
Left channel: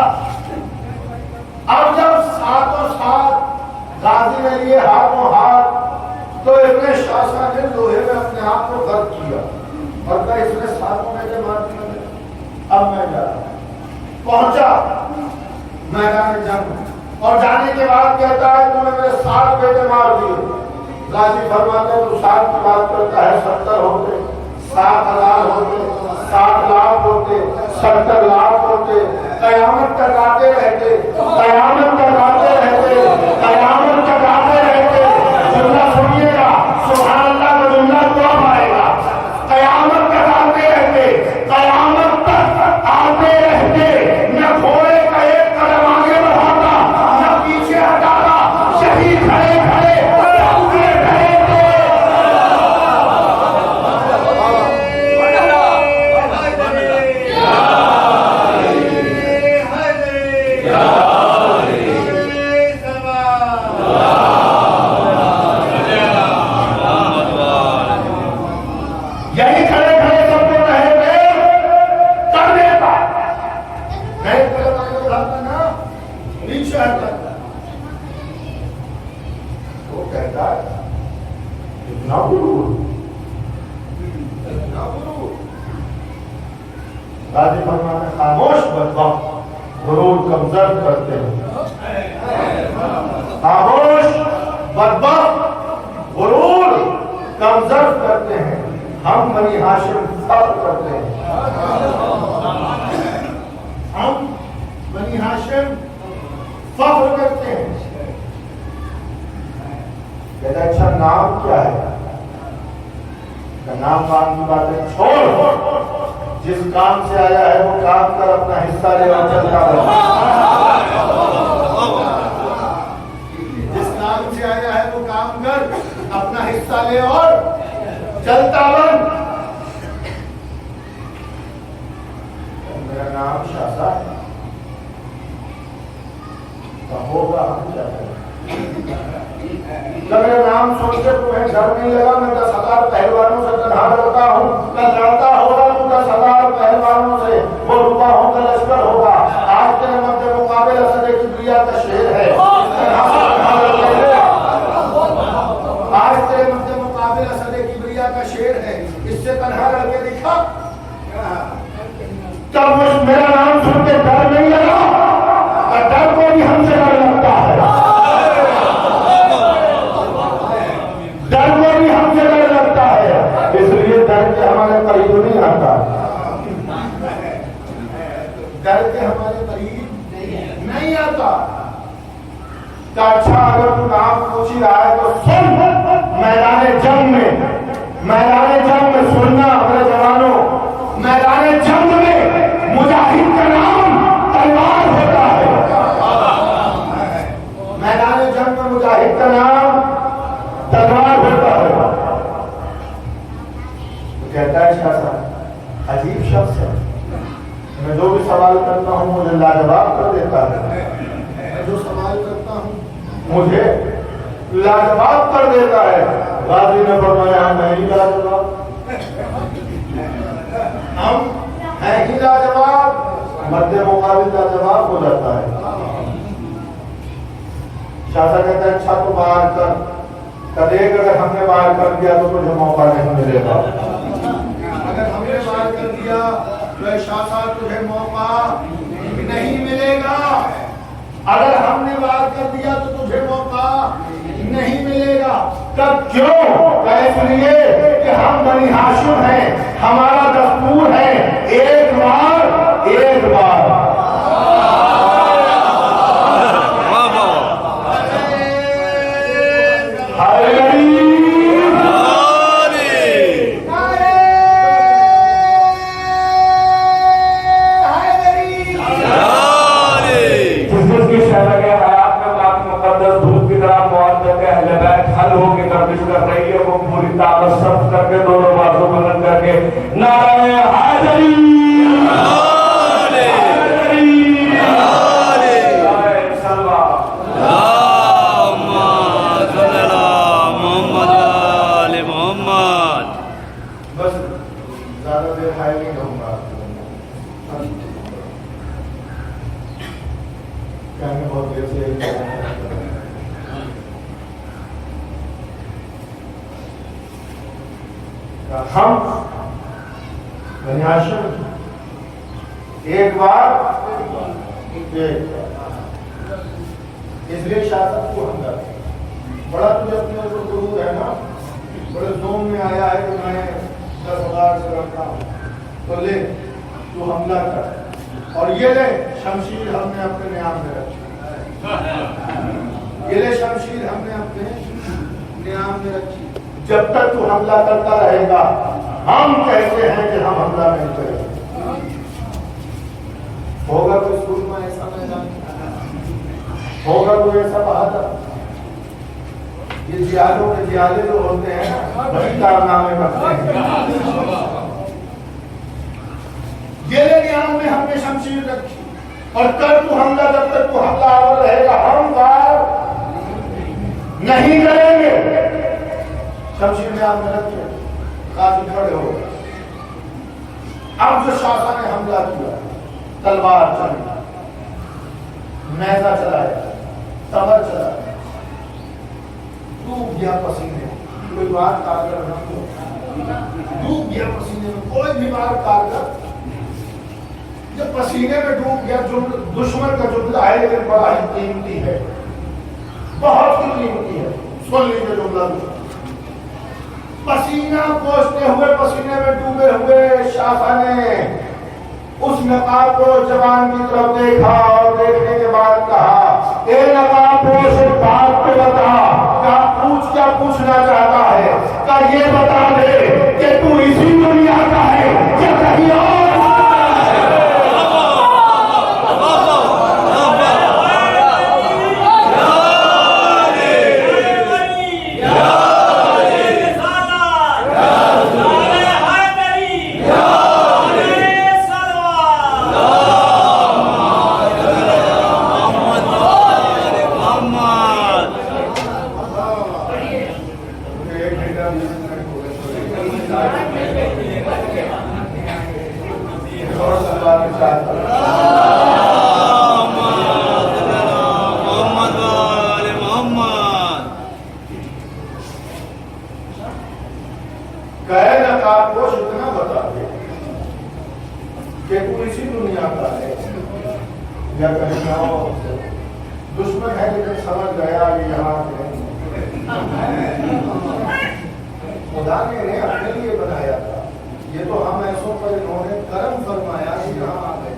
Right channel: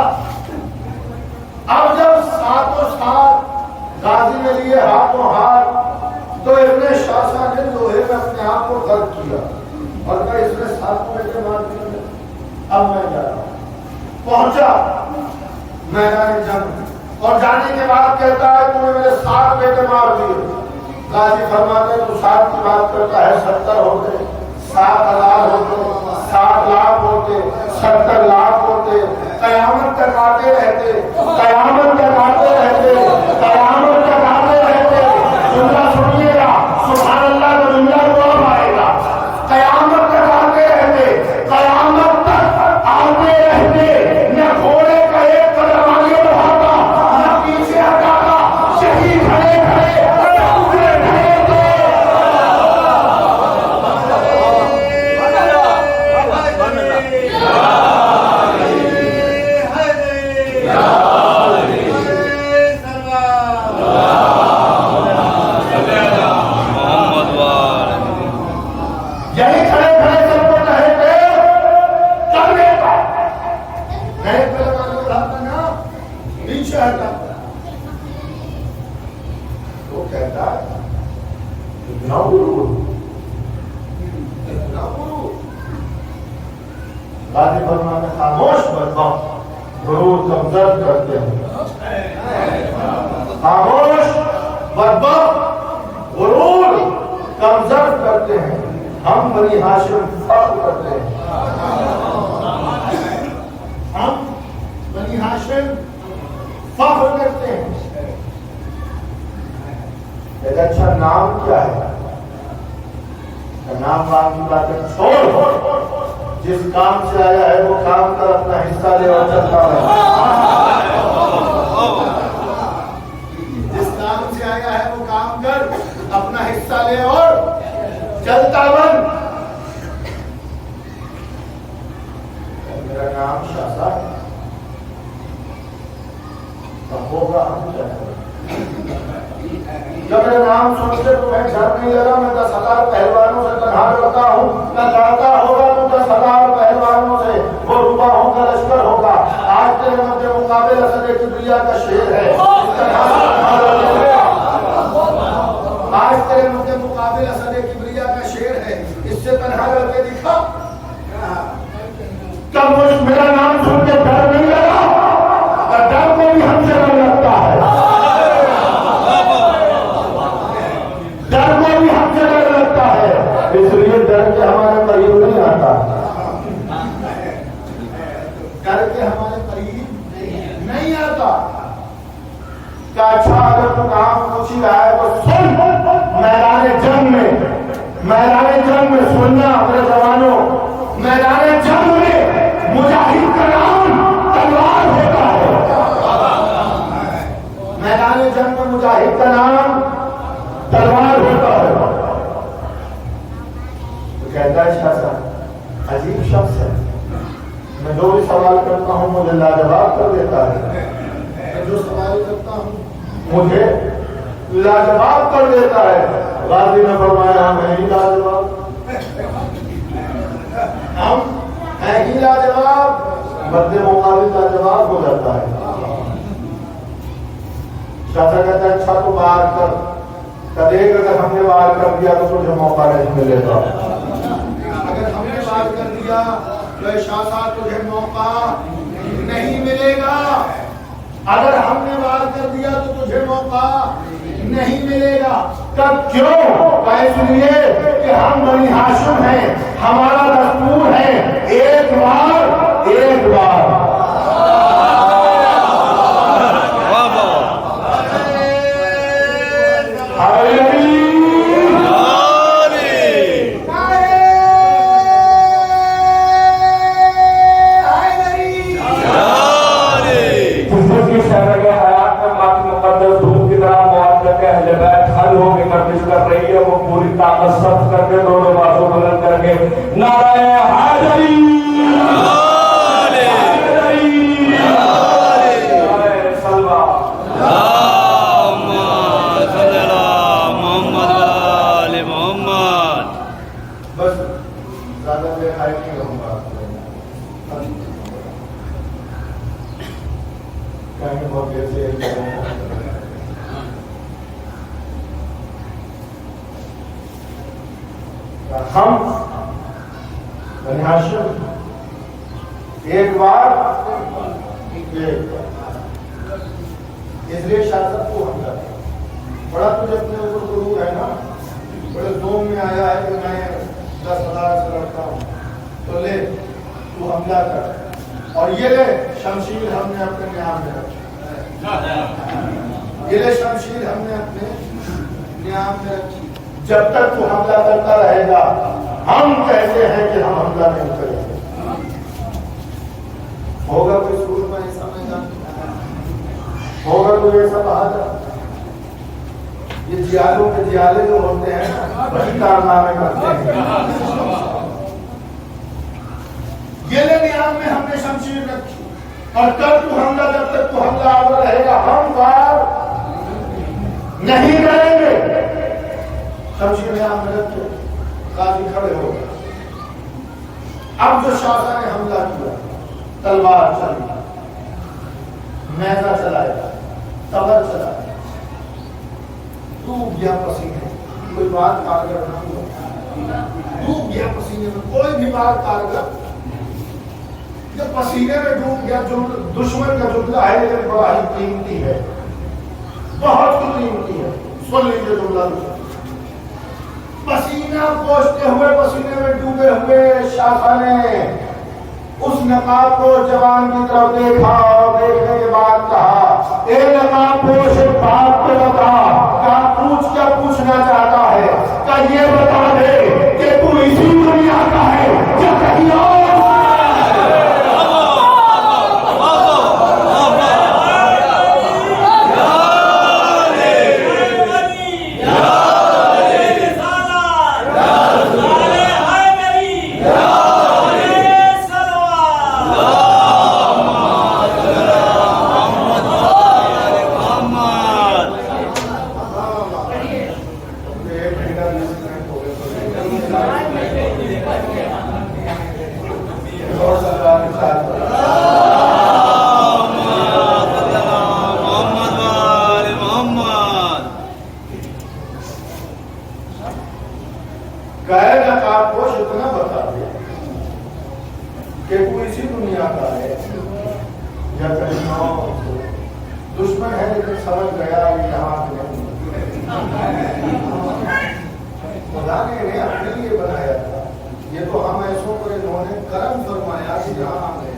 اب جب ساتھوں ساتھ غازی نے لیے ہاتھوں ہاتھ تو ابن شاسا نے لوہے میں اپنے آپ کو غرق کیا اور کہا اس نے ساتھوں میں سے مار دیا، اب میں جا رہا ہوں۔ پہنچا میدان جنگ اور جانے کے بعد کہتا ہے تم نے میرے 7 بیٹے مار دیے۔ غازی فرماتے تو 7 کی بات کرتا ہے، 70 ہوتے، 7,000 ہوتے، 7 لاکھ ہوتے، 70 لاکھ ہوتے، قیامت تک آتے رہتے، قیامت تک آتے رہتے، قیامت تک آتے رہتے۔ جملہ سنیے گا، سبحان اللہ کا جملہ تو اب آئے گا۔ قیامت تک آتے رہتے، قیامت تک آتے رہتے، نہ گھوڑے کا ایک قدم آگے بڑھاتا نہ پیچھے ہٹاتا، شہید کھڑے کھڑے خاموش بدبخت غرور کمزر کرتے ہیں، خاموش بدبخت غرور کمزر کرتے ہیں، ہم بنی ہاشم فخر کرتے ہیں، ہم بنی ہاشم فخر کرتے ہیں۔ کہتا اچھا نام کیا ہے؟ نام وام کی باتیں چھوڑ، جس کام سے آیا ہے وہ کام کر، اپنا حصہ لے اور چلتا رہے۔ جس کام سے آیا ہے وہ کام کر، اپنا حصہ لے اور چلتا بن۔ میرا نام شاسا ہے، تو ہوگا ہم کیا کریں؟ جب میرا نام سن کے تمہیں ڈر نہیں لگا، میں 10,000 پہلوانوں سے تنہا لڑتا ہوں، میں جانتا ہوگا تو 10,000 پہلوانوں سے وہ روپاہوں کا لشکر ہوگا۔ آج تیرے مد مقابل اسد کبریا کا شیر ہے، آج تیرے مد مقابل اسد کبریا کا شیر ہے، اس سے تنہا لڑ کے دکھا۔ تب میرا نام سن کے ڈر نہیں لگا، اور ڈر کو بھی ہم سے ڈر لگتا ہے، ڈر کو بھی ہم سے ڈر لگتا ہے، اس لیے ڈر کے ہمارے قریب نہیں آتا، ڈر کے ہمارے قریب نہیں آتا۔ کہ اچھا اگر تو کام پوچھ ہی رہا ہے تو سن، میدان جنگ میں، میدان جنگ میں سننا اپنے جوانوں، میدان جنگ میں مجاہد کا نام تلوار ہوتا ہے، میدان جنگ میں مجاہد کا نام تلوار ہوتا ہے۔ تو کہتا ہے شاہ صاحب عجیب شخص ہے، میں جو بھی سوال کرتا ہوں مجھے لاجواب کر دیتا ہے، میں جو سوال کرتا ہوں مجھے لاجواب کر دیتا ہے۔ غازی نے فرمایا ہم نہیں لاجواب، ہم ہیں ہی لاجواب، مد مقابل کا جواب ہو جاتا ہے. شاہ کہتا ہے اچھا تو باہر کر دیکھ, اگر ہم نے باہر کر دیا تو تجھے موقع نہیں ملے گا. اگر ہم نے باہر کر دیا تو شاہ تجھے موقع نہیں ملے گا. اگر ہم نے باہر کر دیا تو تجھے موقع نہیں ملے گا. کب کیوں؟ اس لیے کہ ہم بنی ہاشم ہیں, ہمارا دستور ہے ایک بار ایک بار. وہ پوری طاقت صرف کر کے دونوں بازو بلند کر کے نعرہ حیدری محمد. بس زیادہ دیر ہائی نہیں رہوں گا, بہت دیر سے ہم بنی ہاشم ایک بار اس لیے شاست کو حملہ بڑا تجھے اپنے اوپر غرور ہے نا, بڑے زوم میں آیا ہے کہ میں 10,000 سے لڑتا ہوں, تو لے تو حملہ کر. اور یہ لے شمشیر ہم نے اپنے نیام میں رکھی, یہ لے شمشیر ہم نے اپنے نیام میں رکھی. جب تک تو حملہ کرتا رہے گا ہم کہتے ہیں کہ ہم حملہ نہیں کریں گے. ہوگا کوئی سور میں ایسا میدان, ہوگا کوئی ایسا بہادر. یہ جیالوں کے جیالے جو ہوتے ہیں بڑی کارنامے کرتے ہیں. یہ نیام میں ہم نے شمشیر رکھی, اور کل تو حملہ جب تک تو حملہ آور رہے گا ہم کار نہیں کریں گے. شمشیر نیام میں رکھے, قاضی کھڑے ہو گئے. اب جو شاہ نے حملہ کیا, تلوار چلی, نیزہ چلایا, تبر چلایا, ڈوب گیا پسینے. کوئی بات کارگر نہ ہوا, ڈوب گیا پسینے میں. کوئی بھی بات کارگر جب پسینے میں ڈوب گیا, دشمن کا جملہ ہے لیکن بڑا ہی قیمتی ہے, بہت ہی قیمتی ہے. سن لیجیے جملہ. پسینہ پوچھتے ہوئے, پسینے میں ڈوبے ہوئے شاہ نے اس نقاب کو جوان کی طرف دیکھا, اور دیکھنے کے بعد کہا اے نقاب پوش ایک بات کو بتا. کہا پوچھ کیا پوچھنا چاہتا ہے؟ کہا یہ بتا دے کہ تو اسی دنیا کا ہے یا کہیں اور. دشمن ہے لیکن سمجھ گیا یہ یہاں خدا نے انہیں اپنے لیے بنایا تھا. یہ تو ہم ایسوں پر انہوں نے کرم فرمایا کہ یہاں آ گئے.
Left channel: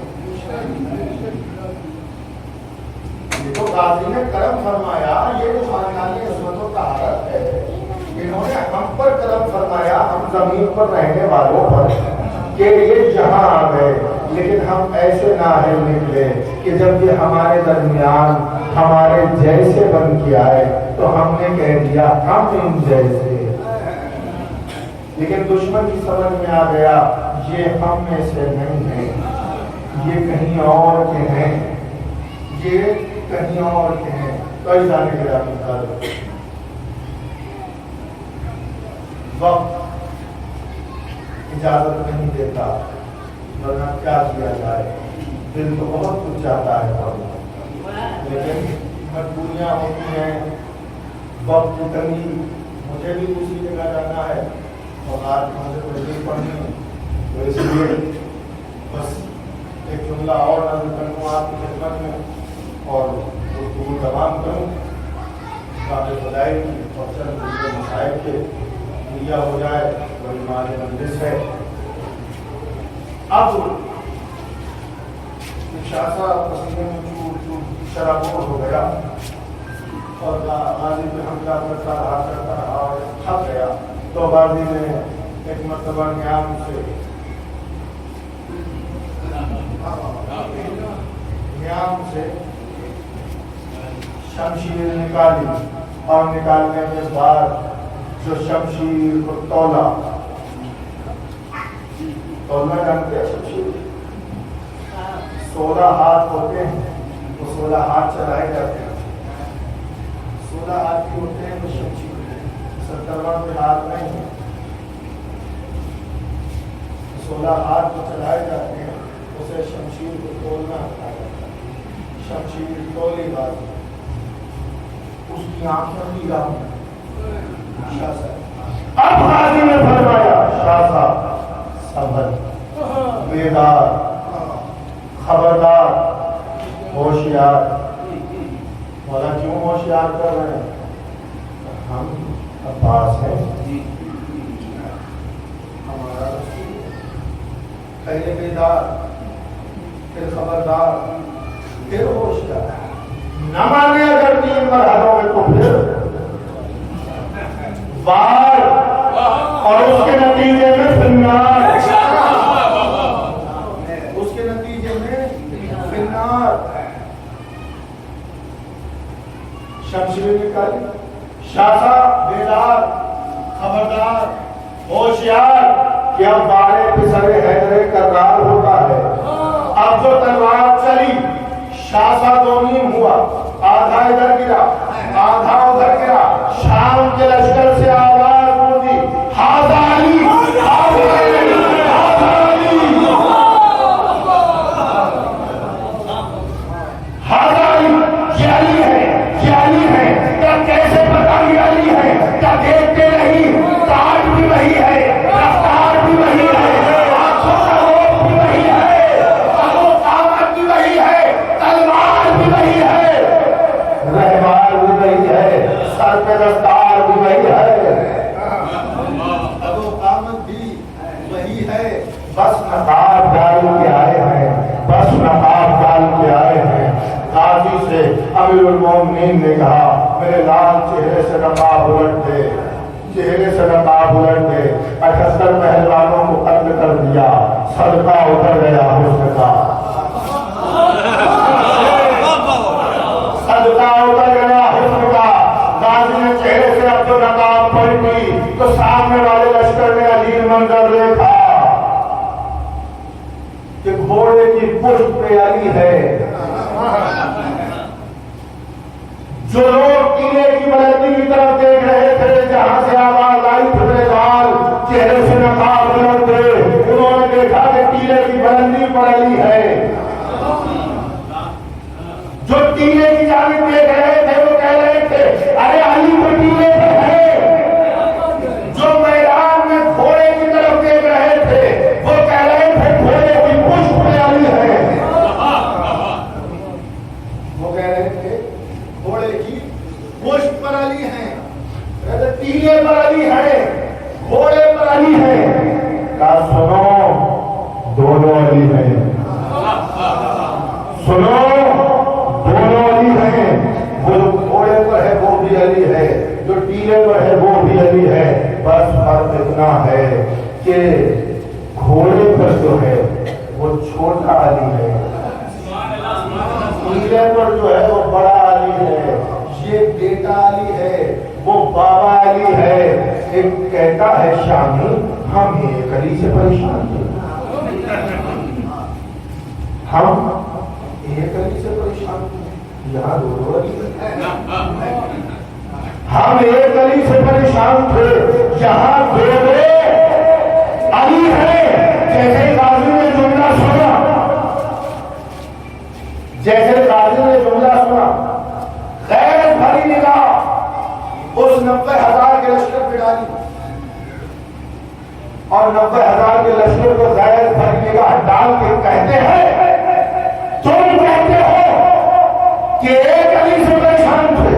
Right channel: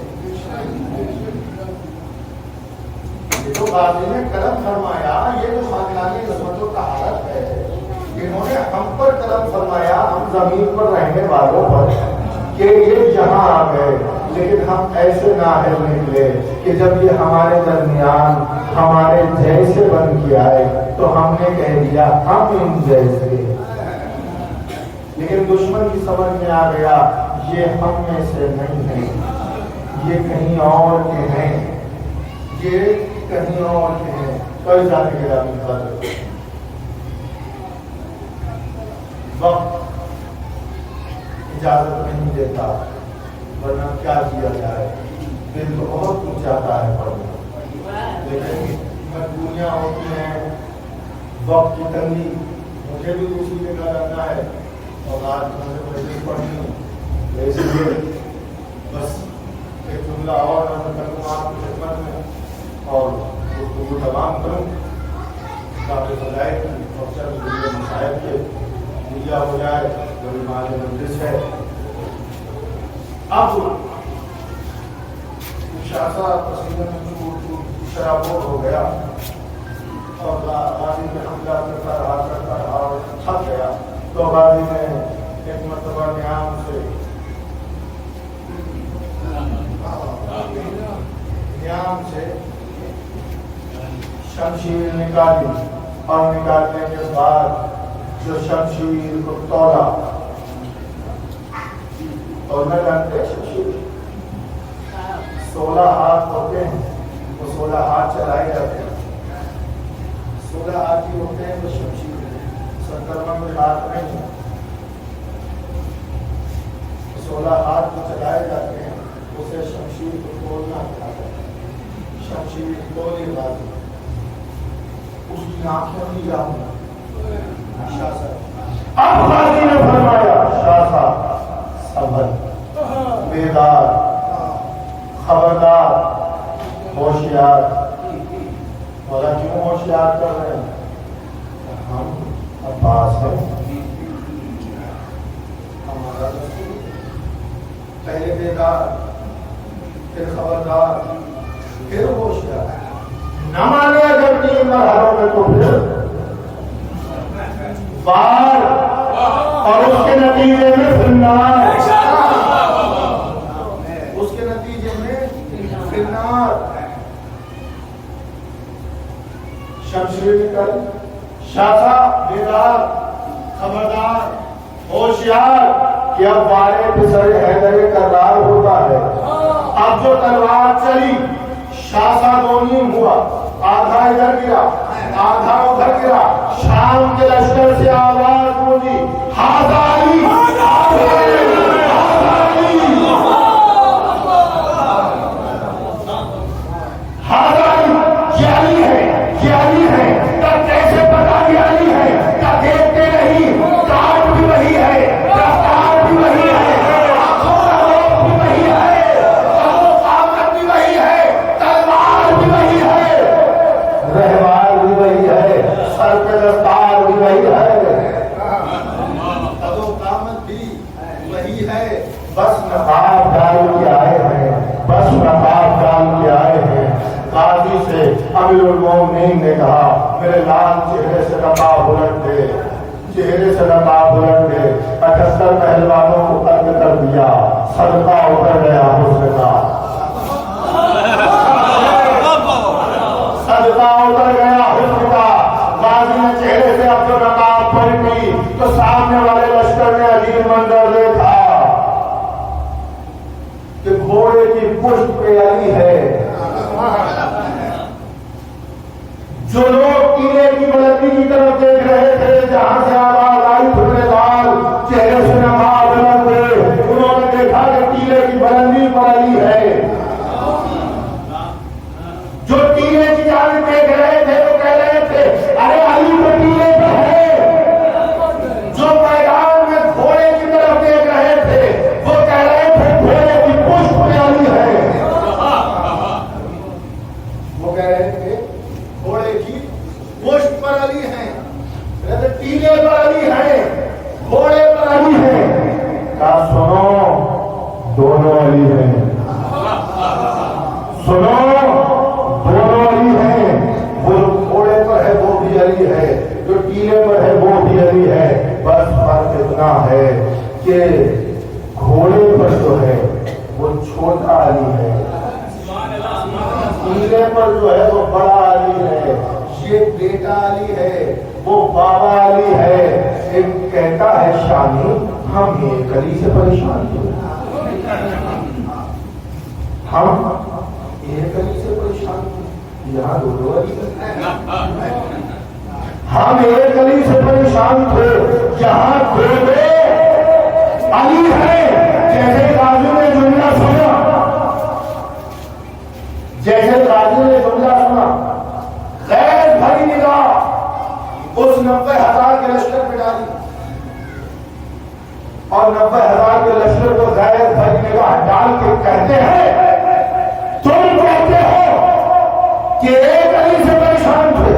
یہ تو قاضی نے کرم فرمایا, یہ تو خاندانی عظمت و طہارت ہے. انہوں نے ہم پر کرم فرمایا, ہم زمین پر رہنے والوں پر, کہ یہ یہاں آ گئے. لیکن ہم ایسے نااہل نکلے کہ جب یہ ہمارے درمیان ہمارے جیسے بن کے آئے تو ہم نے کہہ دیا ہم ان جیسے. لیکن دشمن کی سمجھ میں آ گیا یہ ہم میں سے نہیں ہے, یہ کہیں اور کے ہیں, یہ کہیں اور کے ہیں. تو ایسا نہیں گیا مثال وقت اجازت نہیں دیتا, ورنہ کیا کیا جائے. دل تو بہت کچھ چاہتا ہے پڑھنا، لیکن مجبوریاں ہوتی ہیں، وقت کی تنگی، مجھے بھی دوسری جگہ جانا ہے اور آج مجھے ویسے پڑھنی، تو اس لیے بس ایک جملہ اور نظر کروں آپ کی خدمت میں اور گفتگو تمام کروں تاکہ خدائی کی اور چند مسائل کے پوجا ہو جائے، بڑی مال مجلس ہے۔ اب شاخہ پسینے میں شرابور ہو گیا اور غازی پہ حملہ کرتا رہا اور تھک گیا، تو غازی نے ایک مرتبہ نیام سے شمشیر نکالی اور نکالنے کے بعد جو شمشیر کو تولنا جانتے ہیں، شمشیر 16 ہاتھ ہوتے ہیں، وہ 16 ہاتھ چلائے جاتے ہیں، 16 ہاتھ کی ہوتے ہیں وہ شمشیر، 70 کے ہاتھ نہیں ہیں، 16 ہاتھ جو چلائے جاتے ہیں اسے شمشیر کو تولنا کہا جاتا ہے۔ شمشیر تولی غازی، اس کی آنکھیں بھی گاؤں شاہ صاحب، اب غازی نے فرمایا شاہ صاحب صبر، بیدار، خبردار، ہوشیار۔ مولا کیوں ہوشیار کر رہے ہیں؟ ہم عباس ہیں، ہمارا رسول، پہلے بیدار، پھر خبردار، پھر ہوشیار، نہ مانے اگر 3 مرحلوں میں تو پھر بار اور اس کے نتیجے میں فنار، اس کے نتیجے میں فنار۔ شمشیر نکل، شاخہ بیدار، خبردار، ہوشیار، کہ اب بارے پسر حیدر کرار ہوتا ہے۔ اب جو تلوار چلی شاخہ دونیم ہوا، آدھا ادھر گرا آدھا ادھر گرا، شام کے لشکر سے آواز گونجی، ھذا علی، ھذا علی، ھذا علی، ھذا علی، یہ علی ہے، یہ علی ہے۔ تب کیسے پتا یہ علی ہے؟ کیا دیکھتے نہیں؟ تاج بھی وہی ہے، رفتار بھی وہی ہے، آنکھوں کا روپ بھی وہی ہے، قامت بھی وہی ہے، تلوار بھی وہی ہے، رہبار بھی وہی ہے، سر پہ دستار بھی وہی ہے، قامت بھی وہی ہے۔ بس نقاب ڈال کے آئے ہیں، بس نقاب ڈال کے آئے ہیں۔ غازی سے امیر المومنین نے کہا میرے لال چہرے سے نقاب الٹ دے، چہرے سے نقاب الٹ دے۔ 78 پہلوانوں کو قتل کر دیا، صدقہ اتر گیا حسن کا، صدقہ اتر گیا حسن کا۔ غازی نے چہرے سے اب نقاب پلٹی تو سامنے والے لشکر نے عجیب منظر دیکھا کہ گھوڑے کی پشت پہ علی ہے۔ جو لوگ قلعے کی بلندی کی طرف دیکھ رہے تھے، جہاں سے آواز آئی پھٹے دار چہرے سے نقاب الٹ دے، انہوں نے دیکھا کہ قلعے کی بلندی پر علی ہے۔ جو قلعے کی جانب دیکھ رہے تھے وہ کہہ رہے تھے ارے علی تو قلعے پہ ہے۔ جو میدان میں گھوڑے کی طرف دیکھ رہے تھے وہ کہہ رہے تھے گھوڑے کی پشت پہ علی ہے۔ وہ کہہ رہے تھے گھوڑے کی پشت پر علی ہے، ٹیلے پر علی ہے، گھوڑے پر علی ہے۔ کہا سنو دونوں علی ہیں، سنو دونوں علی ہیں، وہ گھوڑے پر ہے وہ بھی علی ہے، جو ٹیلے پر ہے وہ بھی علی ہے۔ بس فرق اتنا ہے کہ گھوڑے پر جو ہے وہ چھوٹا علی ہے، ٹیلے پر جو ہے وہ بڑا علی ہے۔ یہ بیٹا علی ہے، وہ بابا علی ہے۔ ایک کہتا ہے شانی ہم ایک علی سے پریشان تھے، ہم ایک علی سے پریشان تھے، یہاں دو علی ہم ایک علی سے پریشان تھے، یہاں دو علی ہے۔ جیسے غازی نے جملہ سنا اس 90,000 کے لشکر پہ ڈالی اور 90,000 کے لشکر کو غیر بھری نگاہ ڈال کے کہتے ہیں تم کہتے ہو کہ ایک علی سے پریشان تھے،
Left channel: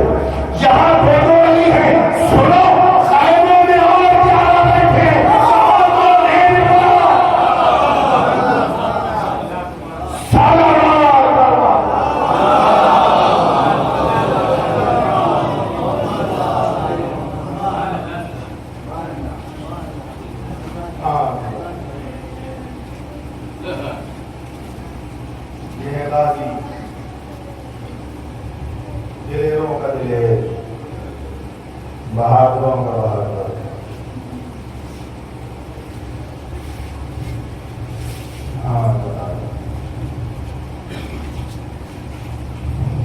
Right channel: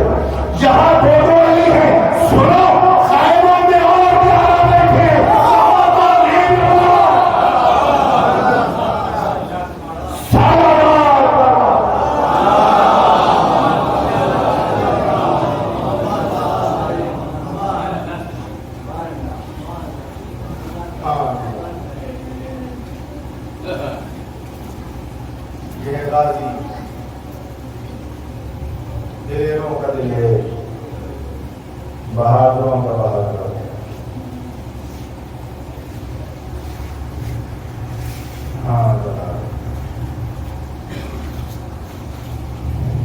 یہاں دو علی ہیں، سنو خیموں میں اور 11 بیٹھے یہ غازی دلیروں کا دلیر، بہادروں کا بہادر،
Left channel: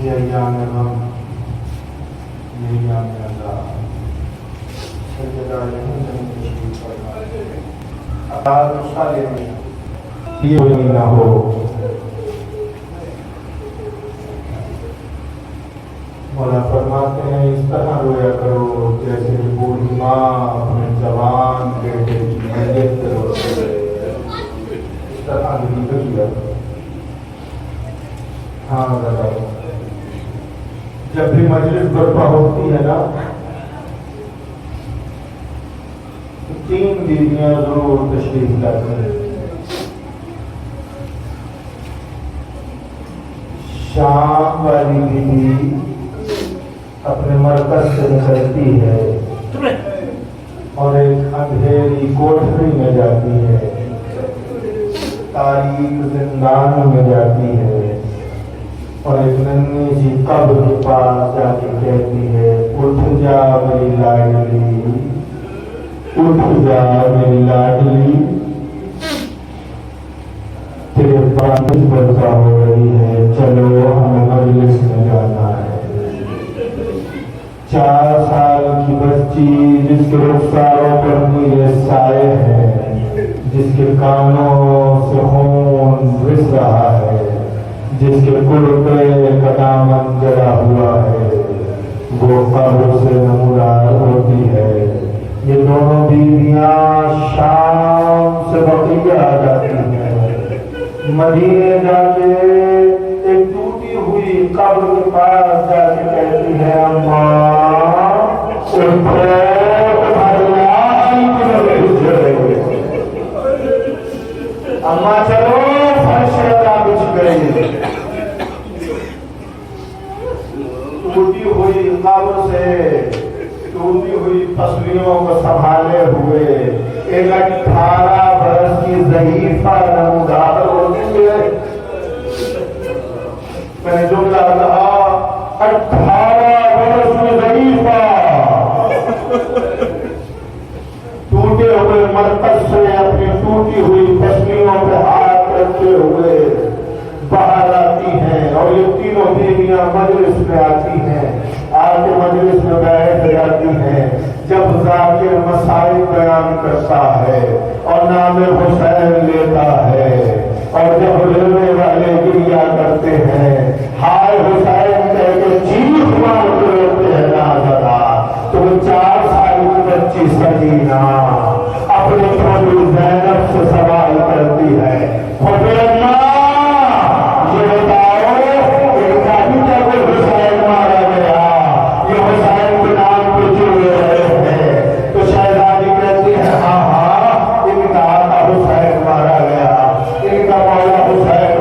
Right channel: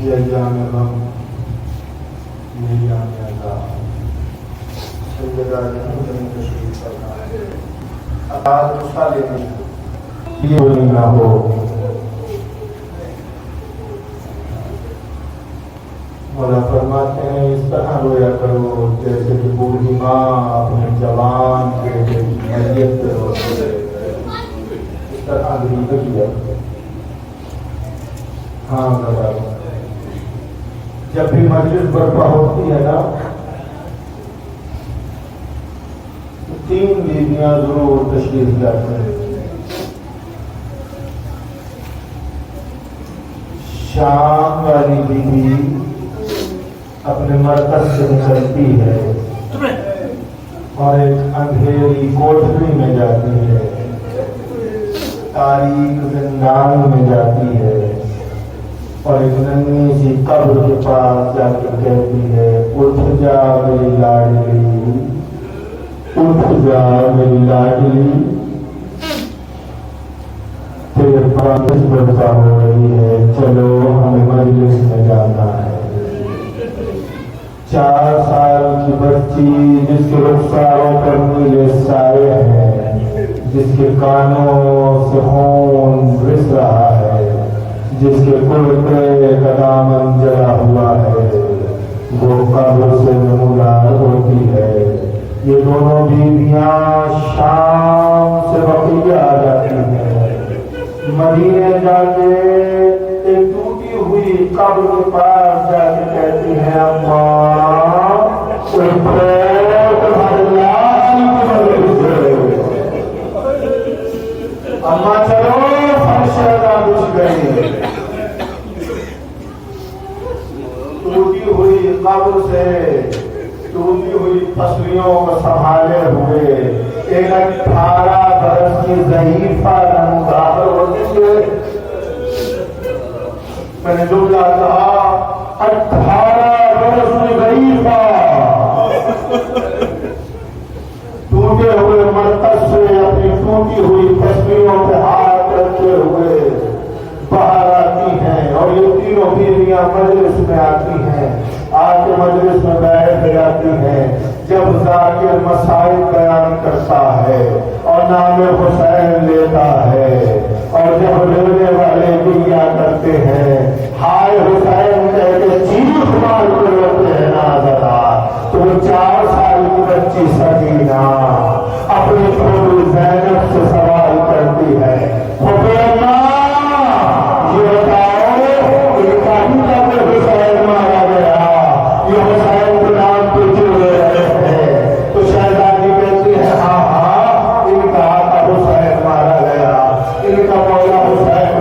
یہ ایام غم، یہ ایام عذاب، سیدہ یہاں تشریف فرما اب نسخہ لینے یہ نہ ہو۔ مولا فرماتے ہیں اس طرح رویا کرو جیسے کہ بوڑھی ماں اپنے جوان بیٹے کی میت پہ روتی ہے، اس طرح بھی کیا۔ ہاں بتاؤ، جب بھی مجلس برپا ہوتی ہے نا، 3 بیویاں ضرور تشریف لاتی ہیں۔ شام والی بیوی اپنے مرکز سے نکلتی ہے اور ایک اندھیری کوٹھری میں جاتی ہے، تاریک زندان میں جاتی ہے اور ایک ننھی سی قبر کے پاس جا کے کہتی ہے اٹھ جا میری لاڈلی، اٹھ جا میری لاڈلی، تیرے پاس برپا ہو رہی ہے، چلو ہمیں مجلس میں جانا ہے۔ 4 سال کی بچی جس کے رخساروں پر نیلے سائے ہیں، جس کے کانوں سے خون رس رہا ہے، جس کے کرتے کا دامن جلا ہوا ہے، وہ قبر سے نمودار ہوتی ہے۔ یہ دونوں بیویاں شام سے بقیہ آ جاتی ہیں، مدینے جا کے ایک ٹوٹی ہوئی قبر کے پاس جا کے کہتی ہے اماں اماں چلو فرش بچ گئی۔ ٹوٹی ہوئی قبر سے ٹوٹی ہوئی پسلیوں کو سنبھالے ہوئے ایک 18 برس کی ضعیفہ نمودار ہوتی ہے۔ میں نے جملہ کہا 18 برس کی ضعیفہ، ٹوٹے ہوئے مرکز سے اپنی ٹوٹی ہوئی پسلیوں پہ ہاتھ رکھے ہوئے باہر آتی ہیں اور یہ تینوں بیویاں مجلس میں آتی ہیں، آ کے مجلس میں بیٹھ جاتی ہیں۔ جب ذاکر مسائل بیان کرتا ہے اور نام حسین لیتا ہے اور جب لینے والے گریا کرتے ہیں، ہائے حسین کہہ کے چیخ مار کے روتے ہیں نا ذرا، تو 4 سال کی بچی سکینہ اپنے چھوٹی زینب سے سوال کرتی ہے یہ بتاؤ کہ کبھی تک حسین مارا گیا، یہ حسین کے نام پہ چل رہے ہیں، تو شہزادی کہتی ہے ہاں ہاں ان کا آقا حسین مارا گیا، ان کا مولا حسین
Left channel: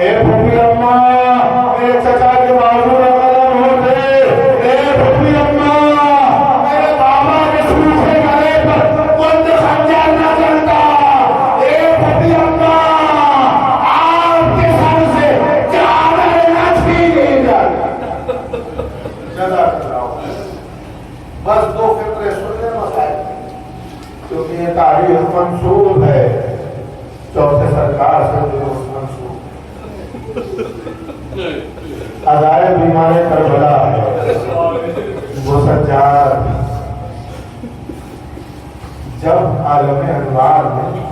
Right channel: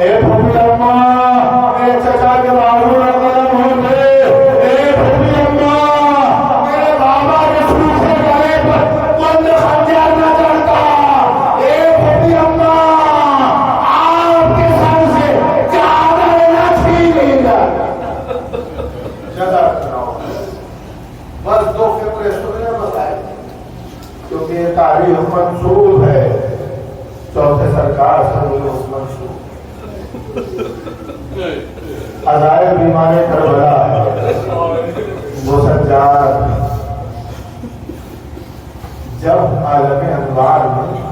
اے پھوپھی اماں میرے چچا کے بازو میں قدم ہوتے، اے پھوپھی اماں میرے بابا کے سوچے گلے پر بند خنجر نہ کرتا، اے پھوپھی اماں آپ کے سر سے چادر نہ چھینی جاتی۔ جزاک اللہ۔ بس دو فکرے سننے بتائے کیونکہ یہ تاریخ منسوب ہے چوتھے سرکار سے منسوب۔ ادائے بیمار کربلا وہ سجاد جب عالم انوار میں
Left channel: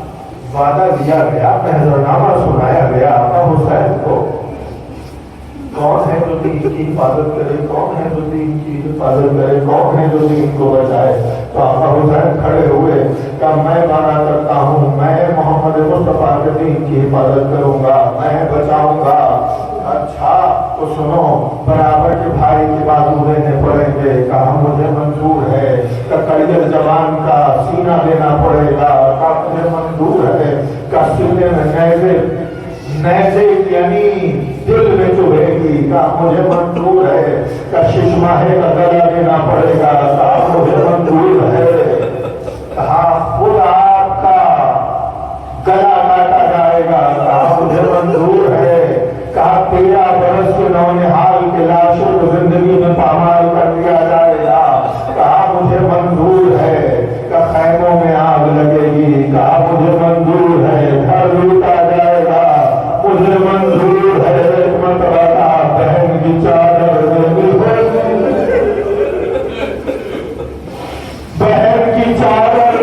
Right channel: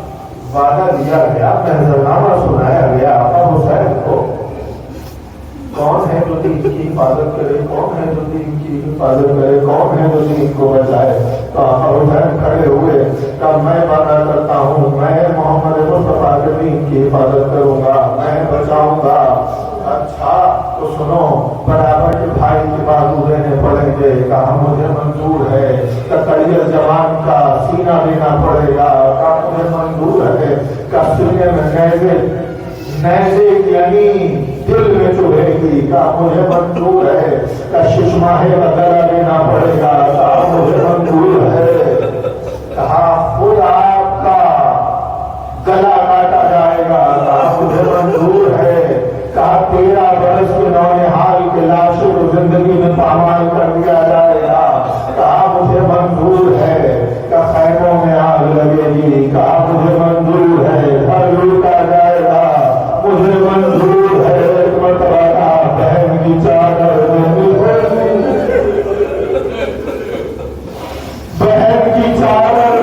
وعدہ دیا گیا، محضرنامہ سنایا گیا ابو حسین کو، کون ہے جو دین کی حفاظت کرے، کون ہے جو دین کی حفاظت کرے، کون ہے جو دین کو بچائے، تو ابو حسین کھڑے ہوئے کہ میں وعدہ کرتا ہوں میں محمد مصطفیٰ کے دین کی حفاظت کروں گا، میں بچاؤں گا۔ اچھا تو سنو، برابر کے بھائی کے بازو دینے پڑیں گے، کہا مجھے منظور ہے، کہ کڑیل جوان کا سینہ دینا پڑے گا، کہا مجھے منظور ہے، کہ سینے میں نیزے یعنی دل میں چوہے کی، کہا مجھے منظور ہے، کہ ششماہ وغیرہ دینا پڑے گا، کہا مجھے منظور ہے، کہا خود آپ کا گلا کاٹا جائے گا، کہا مجھے منظور ہے، کہا 13 برس کے نونہال کے لاشوں کو زندگی میں پامال کر دیا جائے گا، کہا مجھے منظور ہے، کہ خیموں میں آگ لگے گی، کہا مجھے منظور ہے، گھر لوٹا جائے گا، مجھے منظور ہے، ایک مرتبہ کہا بہن کی چادر بہن کی چادر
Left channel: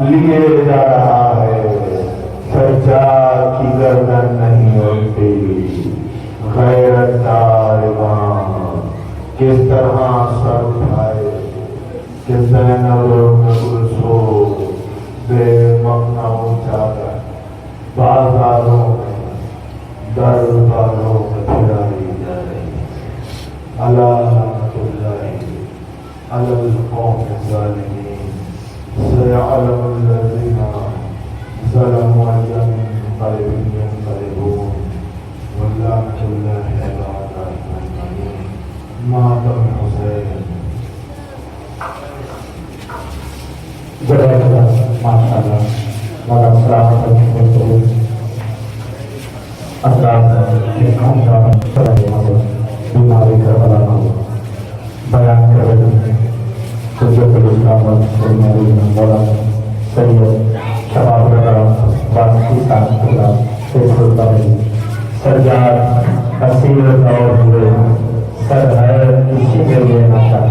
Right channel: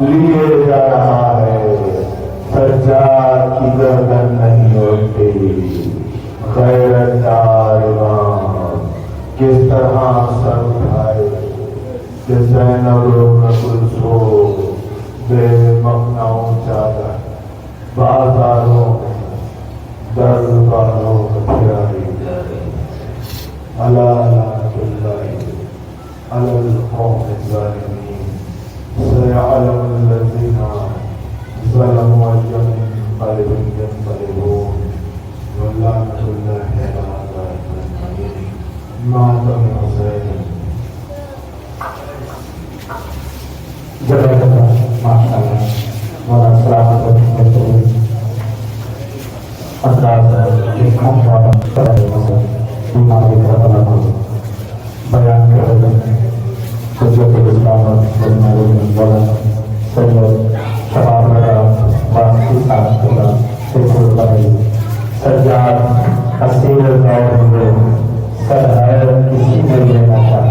لیے جا رہا ہے، سجاد کی گردن نہیں ہوتی، غیرت دار امام کس طرح سر اٹھائے کہ زینب کلثوم بے مقنع چادر بازاروں میں درباروں میں پھرائی جا رہی ہے۔ الا لعنۃ اللہ علی القوم الظالمین، سيعلم الذين ظلموا أي منقلب ينقلبون، ولعنة الله على أعدائهم أجمعين۔ مات الحسين۔ جزاک اللہ، ماشاء اللہ، مولانا سلامت ہوتے اثرات ایک بیماری کا بنا بیان کر رہے ہیں۔ سجد الاسلام بیماری میں مولانا سید شباب وانسی کانسٹولا شیخ الباری سجاد کثیر دور ہوئے سر ہے کسی میں لینا چاہتا